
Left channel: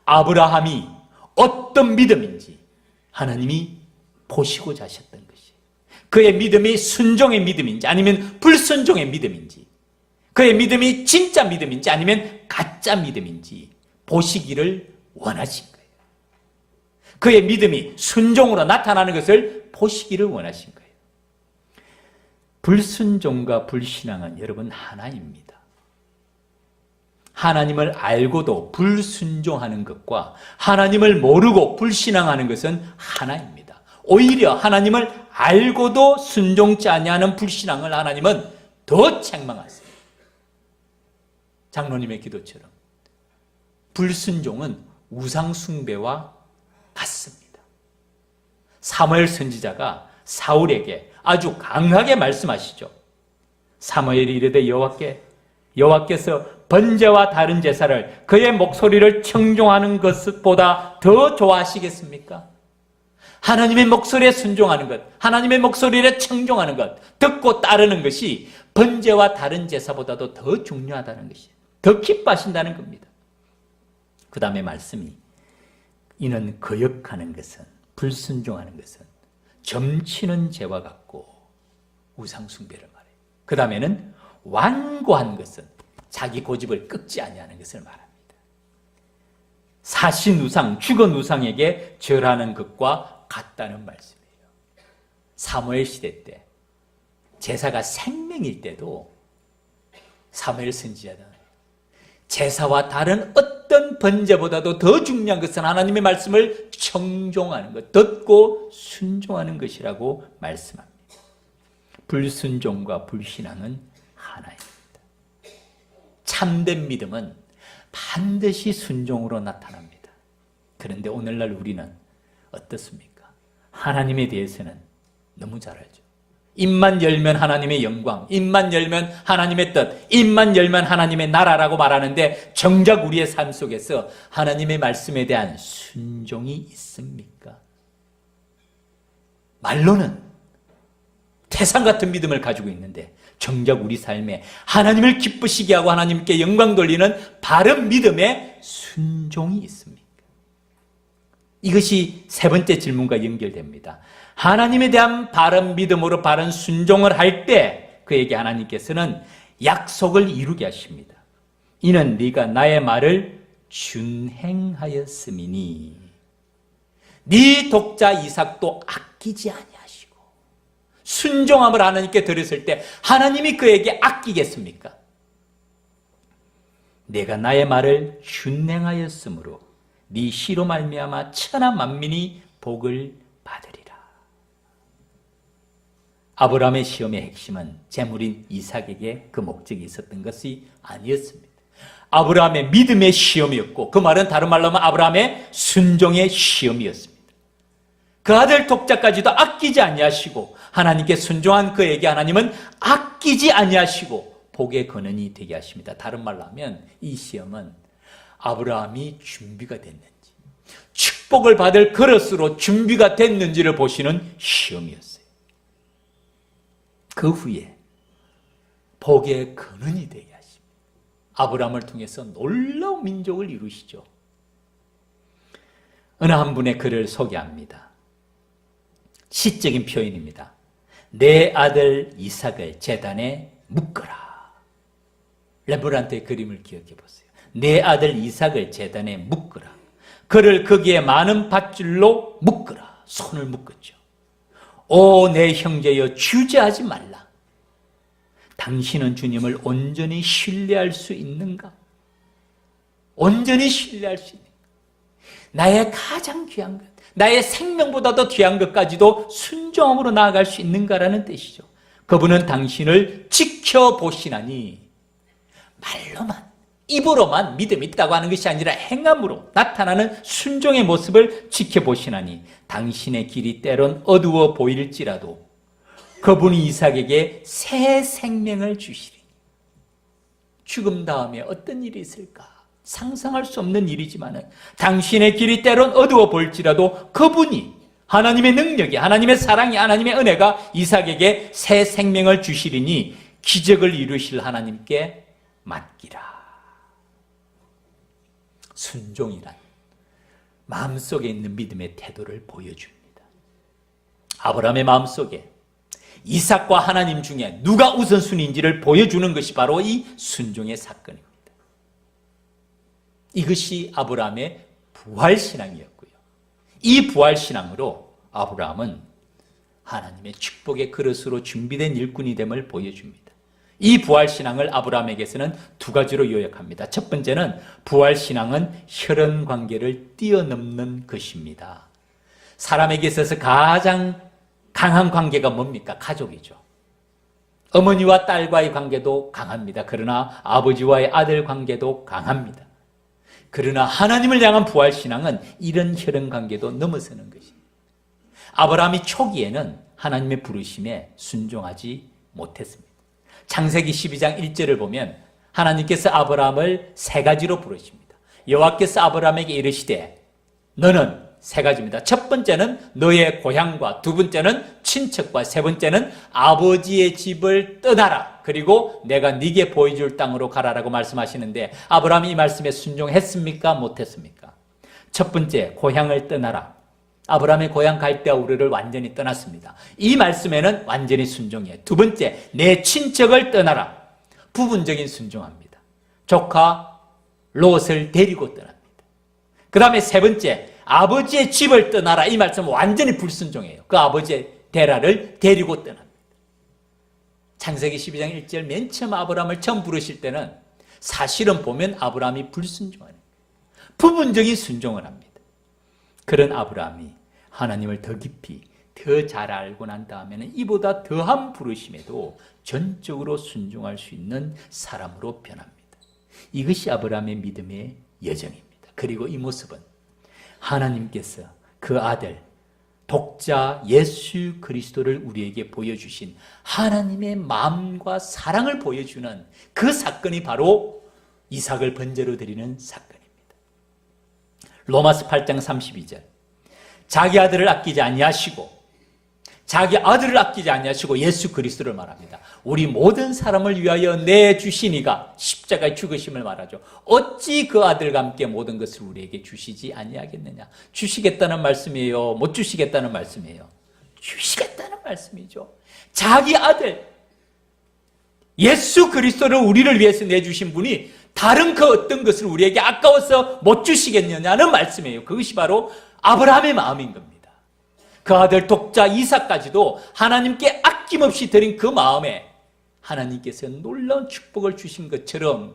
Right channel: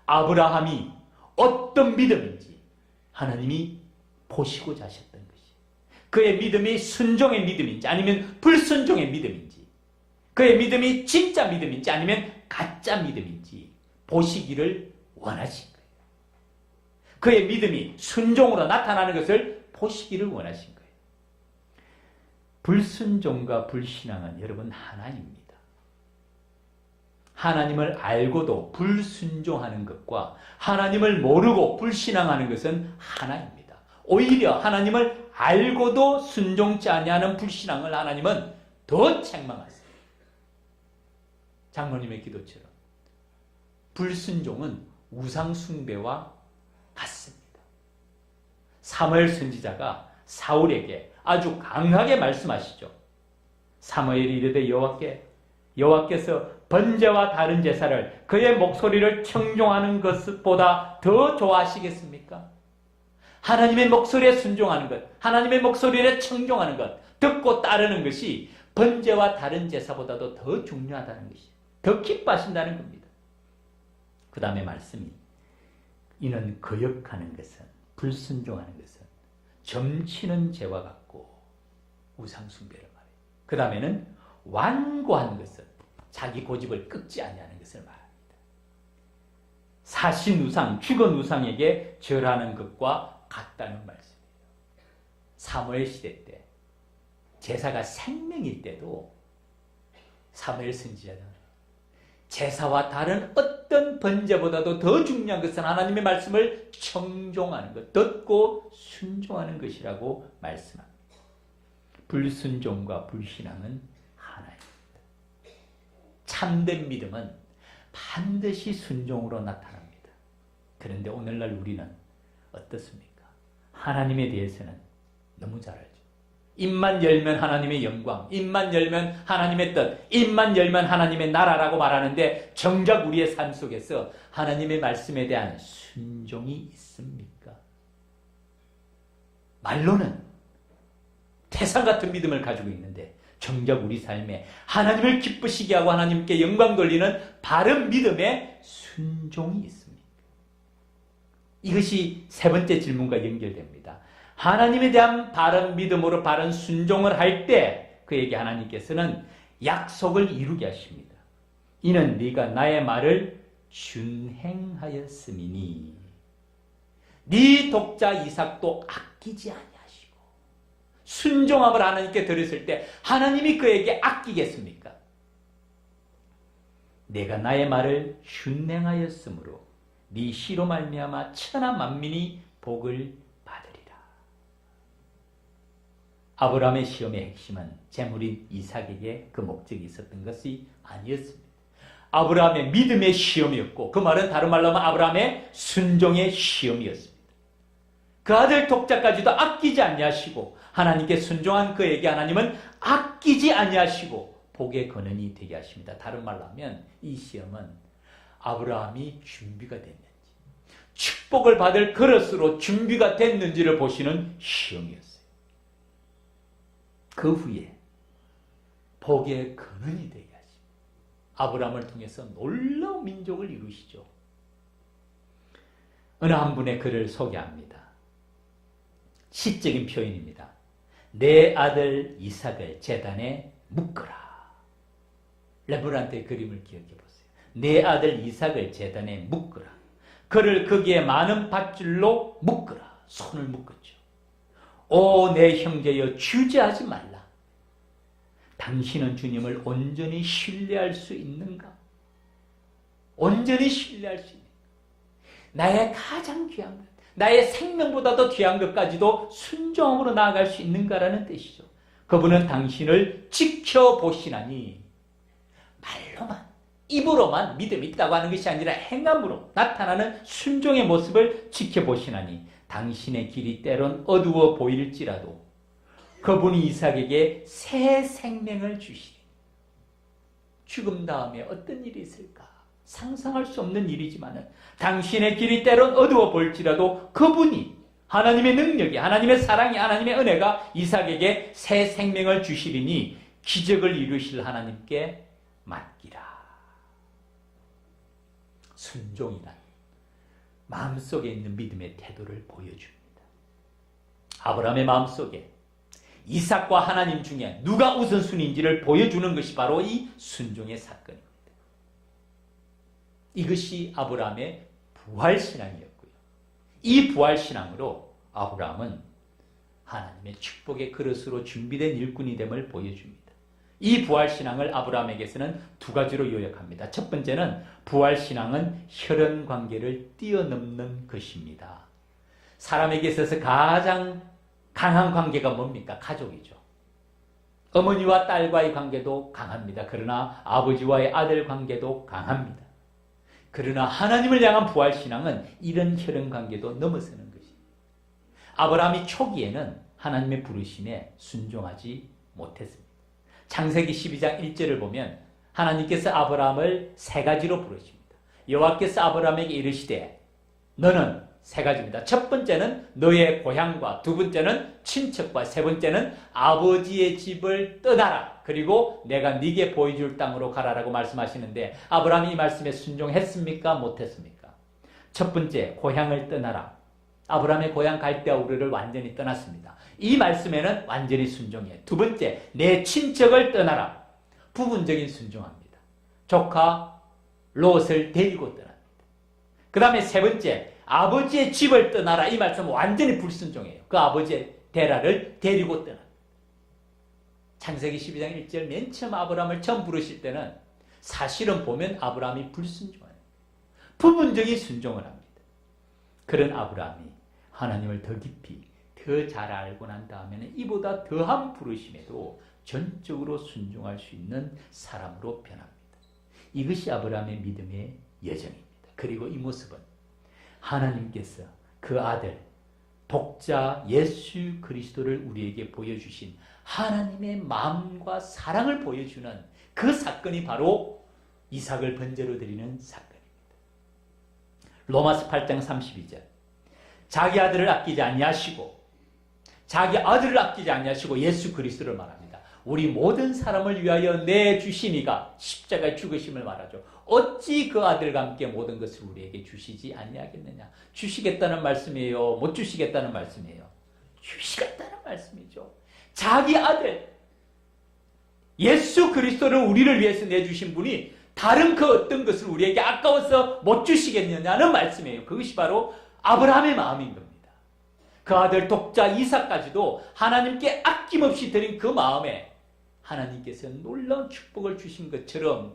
아브라함이 어떤 믿음인지 하나님이 보시고자 하셨던 것이, 그의 믿음이 순종의 믿음인지 아니면 불순종의 믿음인지, 그의 믿음이 진짜 믿음인지 아니면 가짜 믿음인지 보시기를 원하신 거예요. 그의 믿음이 순종으로 나타나는 것을 보시기를 원하신 거예요. 불순종과 불신앙은 여러분 하나입니다. 하나님을 알고도 불순종하는 것과 하나님을 모르고 불신앙하는 것은 하나입니다. 오히려 하나님을 알고도 순종치 아니하는 불신앙을 하나님은 더 책망하세요. 장로님의 기도처럼 불순종은 우상숭배와 같습니다. 사무엘 선지자가 사울에게 아주 강하게 말씀하시죠. 사무엘이 이르되 여호와께서 번제와 다른 제사를 그의 목소리를 청종하는 것보다 더 좋아하시겠습니까? 하나님의 목소리에 순종하는 것, 하나님의 목소리에 청종하는 것, 듣고 따르는 것이 번제와 다른 제사보다도 더 중요하다는 것이에요. 더 기뻐하신다는 겁니다. 그 다음에 말씀이, 이는 거역하는 것은, 불순종하는 것은 점치는 죄와 같고 우상 숭배를 말해요. 그 다음에는 완고한 것은 자기 고집을 꺾지 아니하는 것을 말합니다. 사신 우상, 죽은 우상에게 절하는 것과 같다는 말씀이에요. 사무엘 시대 때 제사가 생명일 때도 사무엘 선지자는 제사와 다른 어떤 번제보다도 더 중요한 것은 하나님의 말씀을 청종하는 것, 듣고 순종하는 것이라고 말씀합니다. 불순종과 불신앙은 하나입니다. 참된 믿음은 반드시 순종으로 나타납니다. 그런데 오늘날 우리는 어떻습니까? 하나님에 대해서는 너무 잘 알죠. 입만 열면 하나님의 영광, 입만 열면 하나님의 뜻, 입만 열면 하나님의 나라라고 말하는데 정작 우리의 삶 속에서 하나님의 말씀에 대한 순종이 있습니까? 말로는 태산 같은 믿음을 가지고 있는데 정작 우리 삶에 하나님을 기쁘시게 하고 하나님께 영광 돌리는 바른 믿음의 순종이 있습니까? 이것이 세 번째 질문과 연결됩니다. 하나님에 대한 바른 믿음으로 바른 순종을 할 때 그에게 하나님께서는 약속을 이루게 하십니다. 이는 네가 나의 말을 준행하였음이니 네 독자 이삭도 아끼지 아니하시고. 순종함을 하나님께 드렸을 때 하나님이 그에게 아끼겠습니까? 내가 나의 말을 준행하였으므로 네 씨로 말미암아 천하 만민이 복을 받으리라. 아브라함의 시험의 핵심은 재물인 이삭에게 그 목적이 있었던 것이 아니었습니다. 아브라함의 믿음의 시험이었고 그 말은 다른 말로 하면 아브라함의 순종의 시험이었습니다. 그 아들 독자까지도 아끼지 아니하시고 하나님께 순종한 그에게 하나님은 아끼지 아니하시고 복의 근원이 되게 하십니다. 다른 말로 하면 이 시험은 아브라함이 준비가 됐는지 축복을 받을 그릇으로 준비가 됐는지를 보시는 시험이었어요. 그 후에 복의 근원이 되게 하십니다. 아브라함을 통해서 놀라운 민족을 이루시죠. 어느 한 분의 글을 소개합니다. 시적인 표현입니다. 내 아들 이삭을 제단에 묶어라. 렘브란트의 그림을 기억해 보세요. 내 아들 이삭을 제단에 묶어라. 그를 거기에 많은 밧줄로 묶어라. 손을 묶었죠. 오, 내 형제여, 주저하지 말라. 당신은 주님을 온전히 신뢰할 수 있는가? 온전히 신뢰할 수 있는가? 나의 가장 귀한 것, 나의 생명보다도 귀한 것까지도 순종함으로 나아갈 수 있는가라는 뜻이죠. 그분은 당신을 지켜보시나니 말로만, 입으로만 믿음이 있다고 하는 것이 아니라 행함으로 나타나는 순종의 모습을 지켜보시나니 당신의 길이 때론 어두워 보일지라도 그분이 이삭에게 새 생명을 주시리니. 죽음 다음에 어떤 일이 있을까? 상상할 수 없는 일이지만 당신의 길이 때론 어두워 보일지라도 그분이 하나님의 능력이, 하나님의 사랑이, 하나님의 은혜가 이삭에게 새 생명을 주시리니 기적을 이루실 하나님께 맡기라. 순종이란 마음속에 있는 믿음의 태도를 보여줍니다. 아브라함의 마음속에 이삭과 하나님 중에 누가 우선순위인지를 보여주는 것이 바로 이 순종의 사건입니다. 이것이 아브라함의 부활신앙이었고요. 이 부활신앙으로 아브라함은 하나님의 축복의 그릇으로 준비된 일꾼이 됨을 보여줍니다. 이 부활신앙을 아브라함에게서는 두 가지로 요약합니다. 첫 번째는 부활신앙은 혈연관계를 뛰어넘는 것입니다. 사람에게 있어서 가장 강한 관계가 뭡니까? 가족이죠. 어머니와 딸과의 관계도 강합니다. 그러나 아버지와의 아들 관계도 강합니다. 그러나 하나님을 향한 부활신앙은 이런 혈연관계도 넘어서는 것입니다. 아브라함이 초기에는 하나님의 부르심에 순종하지 못했습니다. 창세기 12장 1절을 보면 하나님께서 아브라함을 세 가지로 부르십니다. 여호와께서 아브라함에게 이르시되 너는 세 가지입니다. 첫 번째는 너의 고향과, 두 번째는 친척과, 세 번째는 아버지의 집을 떠나라. 그리고 내가 네게 보여줄 땅으로 가라라고 말씀하시는데 아브라함이 이 말씀에 순종했습니까? 못했습니까? 첫 번째, 고향을 떠나라. 아브라함의 고향 갈대아 우르를 완전히 떠났습니다. 이 말씀에는 완전히 순종이에요. 두 번째, 내 친척을 떠나라. 부분적인 순종합니다. 조카 롯을 데리고 떠납니다. 그 다음에 세 번째, 아버지의 집을 떠나라. 이 말씀은 완전히 불순종이에요. 그 아버지의 데라를 데리고 떠납니다. 창세기 12장 1절 맨 처음 아브라함을 처음 부르실 때는 사실은 보면 아브라함이 불순종하는 부분적인 순종을 합니다. 그런 아브라함이 하나님을 더 깊이 더 잘 알고 난 다음에는 이보다 더한 부르심에도 전적으로 순종할 수 있는 사람으로 변합니다. 이것이 아브라함의 믿음의 여정입니다. 그리고 이 모습은 하나님께서 그 아들 독자 예수 그리스도를 우리에게 보여주신 하나님의 마음과 사랑을 보여주는 그 사건이 바로 이삭을 번제로 드리는 사건입니다. 로마서 8장 32절, 자기 아들을 아끼지 아니하시고 예수 그리스도를 말합니다. 우리 모든 사람을 위하여 내주시니가 십자가의 죽으심을 말하죠. 어찌 그 아들과 함께 모든 것을 우리에게 주시지 아니하겠느냐. 주시겠다는 말씀이에요? 못 주시겠다는 말씀이에요? 주시겠다는 말씀이죠. 자기 아들 예수 그리스도를 우리를 위해서 내주신 분이 다른 그 어떤 것을 우리에게 아까워서 못 주시겠느냐는 말씀이에요. 그것이 바로 아브라함의 마음인 겁니다. 그 아들 독자 이삭까지도 하나님께 아낌없이 드린 그 마음에 하나님께서 놀라운 축복을 주신 것처럼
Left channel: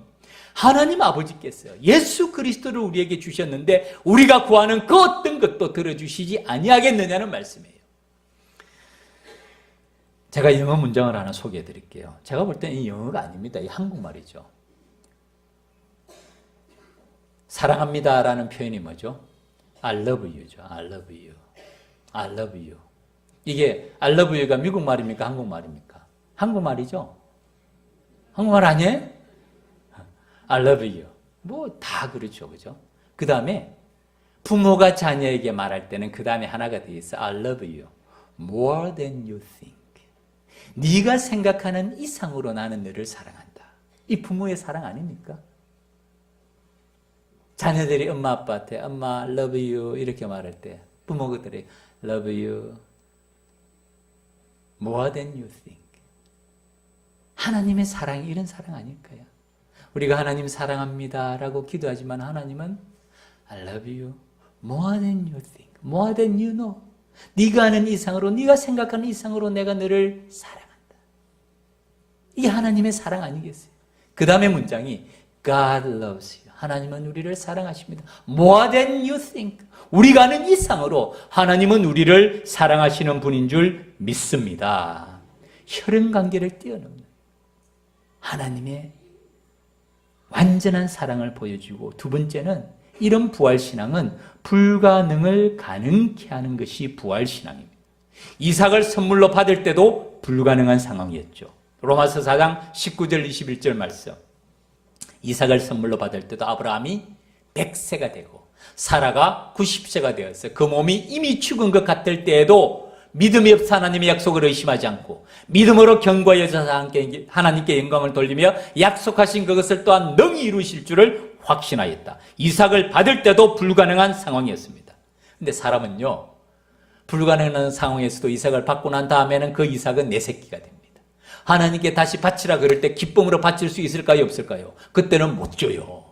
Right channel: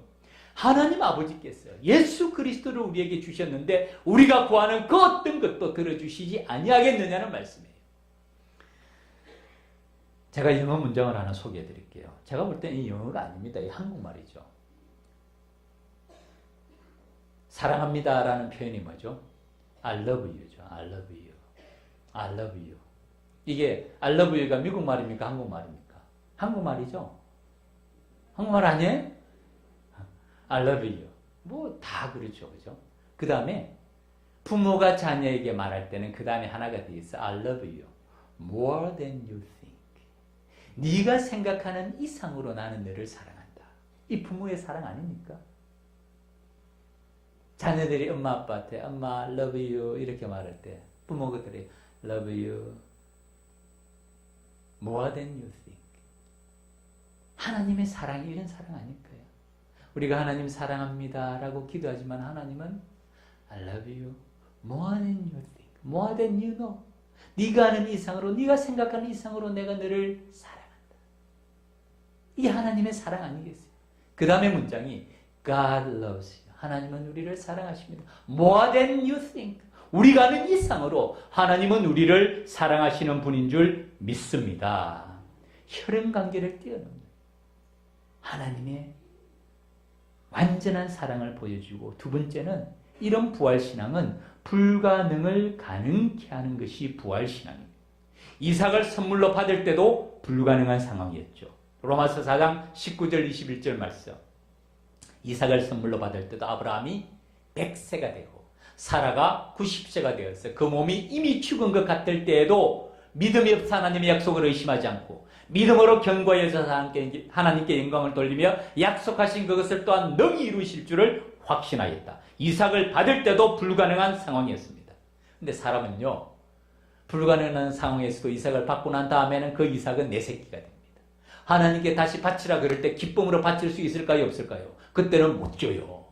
하나님 아버지께서 예수 그리스도를 우리에게 주셨는데 우리가 구하는 그 어떤 것도 들어주시지 아니하겠느냐는 말씀이에요. 제가 영어 문장을 하나 소개해 드릴게요. 제가 볼 때는 이 영어가 아닙니다. 이 한국말이죠. 사랑합니다라는 표현이 뭐죠? I love you죠. I love you. I love you. 이게 I love you가 미국 말입니까? 한국 말입니까? 한국말이죠. 한국말 아니에요? I love you. 뭐 다 그렇죠. 그죠? 그 다음에 부모가 자녀에게 말할 때는 그 다음에 하나가 돼 있어. I love you. More than you think. 네가 생각하는 이상으로 나는 너를 사랑한다. 이 부모의 사랑 아닙니까? 자녀들이 엄마 아빠한테 엄마 I love you 이렇게 말할 때 부모들이 love you more than you think. 하나님의 사랑이 이런 사랑 아닐까요? 우리가 하나님 사랑합니다 라고 기도하지만 하나님은 I love you more than you think, more than you know. 네가 하는 이상으로, 네가 생각하는 이상으로 내가 너를 사랑한다. 이게 하나님의 사랑 아니겠어요? 그 다음에 문장이 God loves you. 하나님은 우리를 사랑하십니다. More than you think. 우리가 아는 이상으로 하나님은 우리를 사랑하시는 분인 줄 믿습니다. 혈연관계를 뛰어넘는 하나님의 완전한 사랑을 보여주고, 두 번째는 이런 부활신앙은 불가능을 가능케 하는 것이 부활신앙입니다. 이삭을 선물로 받을 때도 불가능한 상황이었죠. 로마서 4장 19절 21절 말씀. 이삭을 선물로 받을 때도 아브라함이 100세가 되고 사라가 90세가 되었어요. 그 몸이 이미 죽은 것 같을 때에도 믿음이 없어 하나님의 약속을 의심하지 않고 믿음으로 견고해져서 하나님께 영광을 돌리며 약속하신 그것을 또한 능히 이루실 줄을 확신하였다. 이삭을 받을 때도 불가능한 상황이었습니다. 근데 사람은요, 불가능한 상황에서도 이삭을 받고 난 다음에는 그 이삭은 내 새끼가 됩니다. 하나님께 다시 바치라 그럴 때 기쁨으로 바칠 수 있을까요? 없을까요? 그때는 못 줘요.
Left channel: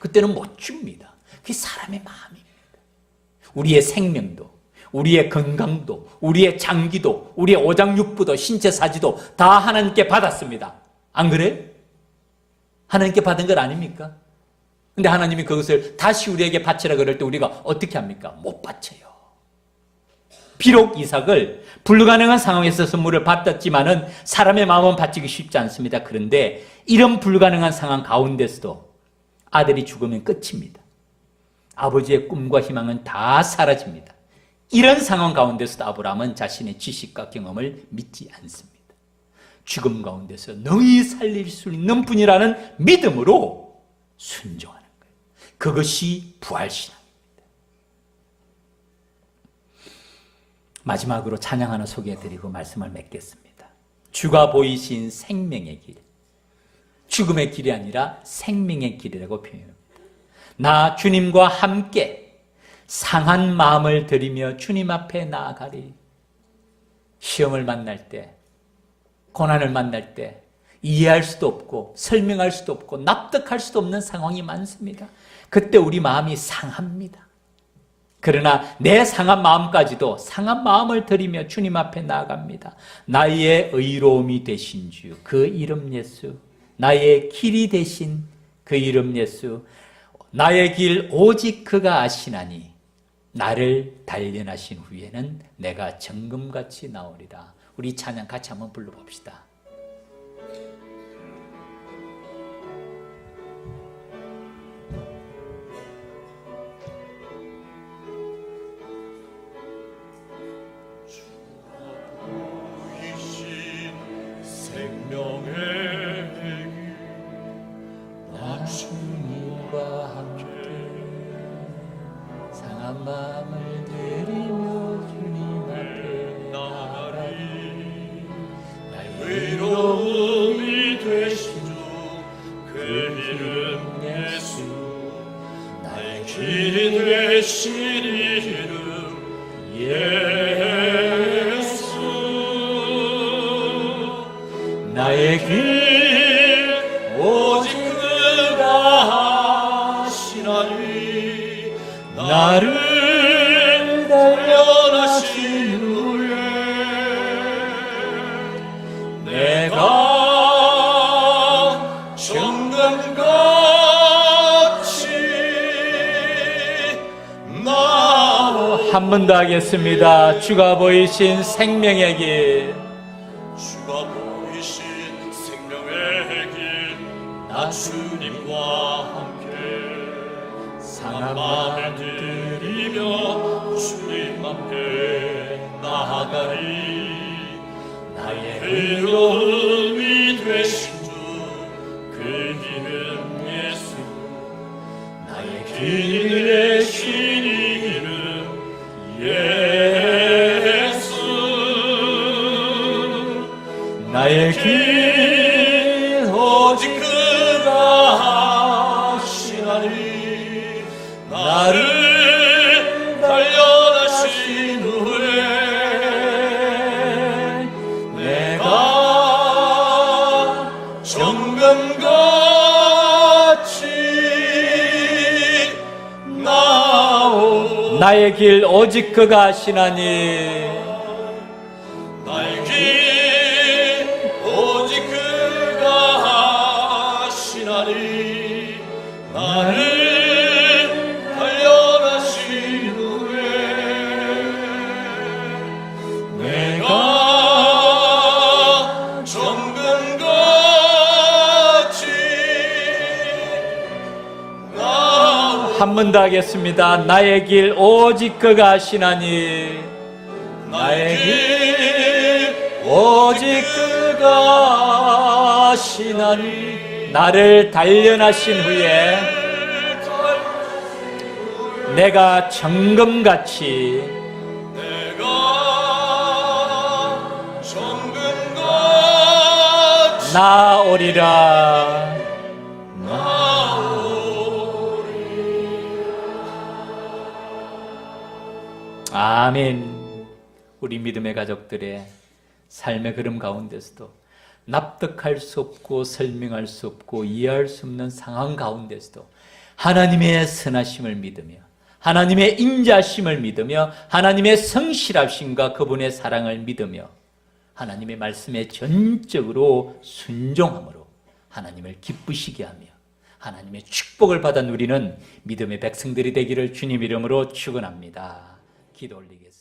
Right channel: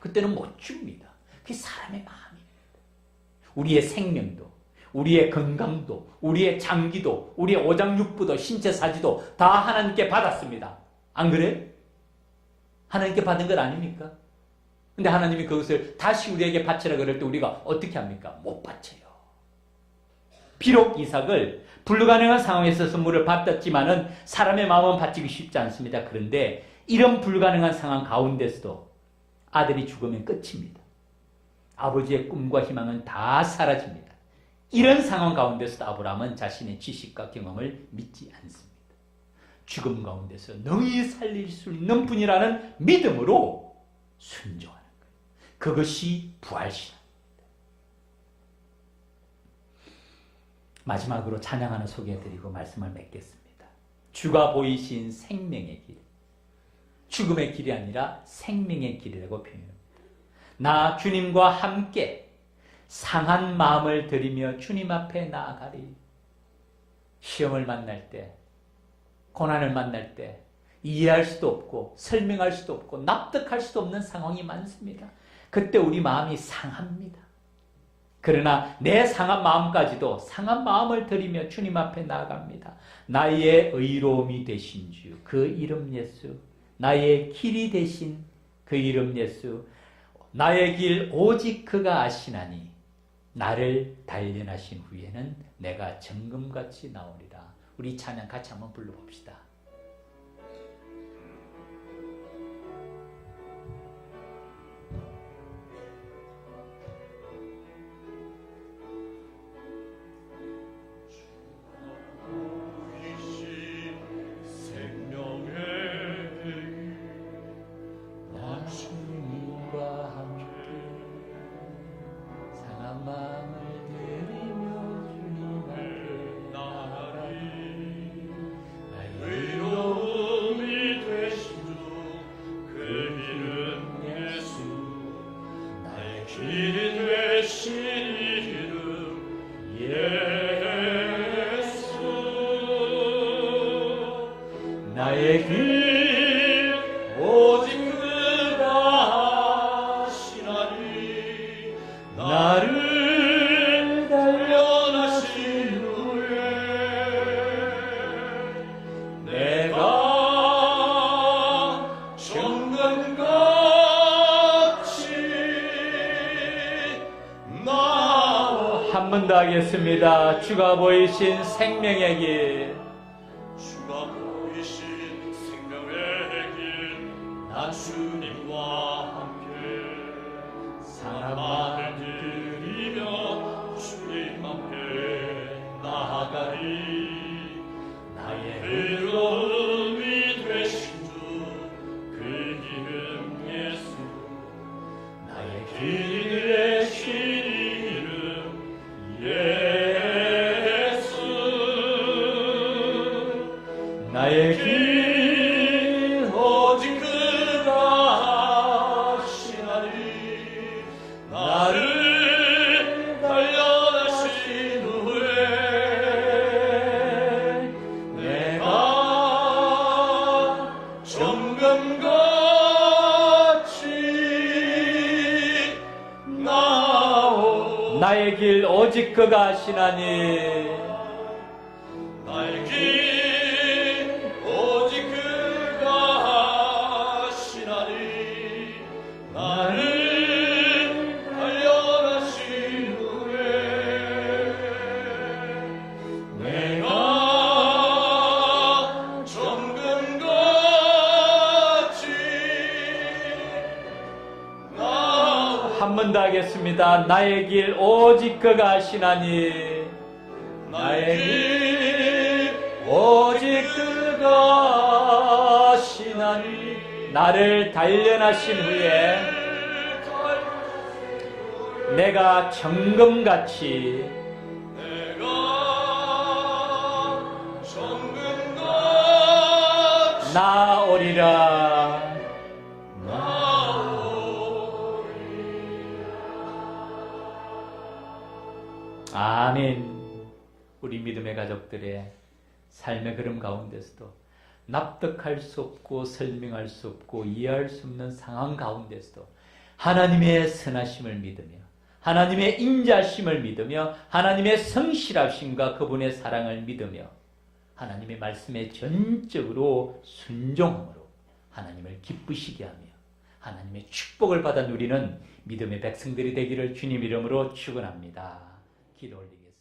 그때는 못 줍니다. 그게 사람의 마음입니다. 우리의 생명도, 우리의 건강도, 우리의 장기도, 우리의 오장육부도, 신체 사지도 다 하나님께 받았습니다. 안 그래? 하나님께 받은 것 아닙니까? 근데 하나님이 그것을 다시 우리에게 바치라 그럴 때 우리가 어떻게 합니까? 못 바쳐요. 비록 이삭을 불가능한 상황에서 선물을 받았지만은 사람의 마음은 바치기 쉽지 않습니다. 그런데 이런 불가능한 상황 가운데서도 아들이 죽으면 끝입니다. 아버지의 꿈과 희망은 다 사라집니다. 이런 상황 가운데서도 아브라함은 자신의 지식과 경험을 믿지 않습니다. 죽음 가운데서 능히 살릴 수 있는 분이라는 믿음으로 순종하는 거예요. 그것이 부활신앙입니다. 마지막으로 찬양 하나 소개해드리고 말씀을 맺겠습니다. 주가 보이신 생명의 길. 죽음의 길이 아니라 생명의 길이라고 표현합니다. 나 주님과 함께 상한 마음을 들이며 주님 앞에 나아가리. 시험을 만날 때, 고난을 만날 때 이해할 수도 없고 설명할 수도 없고 납득할 수도 없는 상황이 많습니다. 그때 우리 마음이 상합니다. 그러나 내 상한 마음까지도 상한 마음을 들이며 주님 앞에 나아갑니다. 나의 의로움이 되신 주, 그 이름 예수, 나의 길이 되신 그 이름 예수, 나의 길 오직 그가 아시나니 나를 단련하신 후에는 내가 정금같이 나오리라. 우리 찬양 같이 한번 불러봅시다. 나의 길 오직 그가 하시나니 나를 단련하신 후에 내가 정금같이 나오. 한 번 더 하겠습니다. 주가 보이신 생명의 길, 나 주님과 함께 상한 마음을 들이며 주님 앞에 나아가리. 나의 의로움이 되신 주 그 이름 예수, 나의 길 되신 이름 예수, 나의 길 나를 단련하신 후에 내가 정금같이 나오. 나의 길 오직 그가 하시나니 나의 길 오직 그가 하시나니 나를 한 번 더 하겠습니다. 나의 길 오직 그가 하시나니 나의 길 오직 그가 하시나니 나를 단련하신 후에 내가 정금같이 나오리라. 아멘. 우리 믿음의 가족들의 삶의 걸음 가운데서도 납득할 수 없고 설명할 수 없고 이해할 수 없는 상황 가운데서도 하나님의 선하심을 믿으며 하나님의 인자심을 믿으며 하나님의 성실하심과 그분의 사랑을 믿으며 하나님의 말씀에 전적으로 순종함으로 하나님을 기쁘시게 하며 하나님의 축복을 받아 누리는 믿음의 백성들이 되기를 주님 이름으로 축원합니다. 기도 올리겠습니다.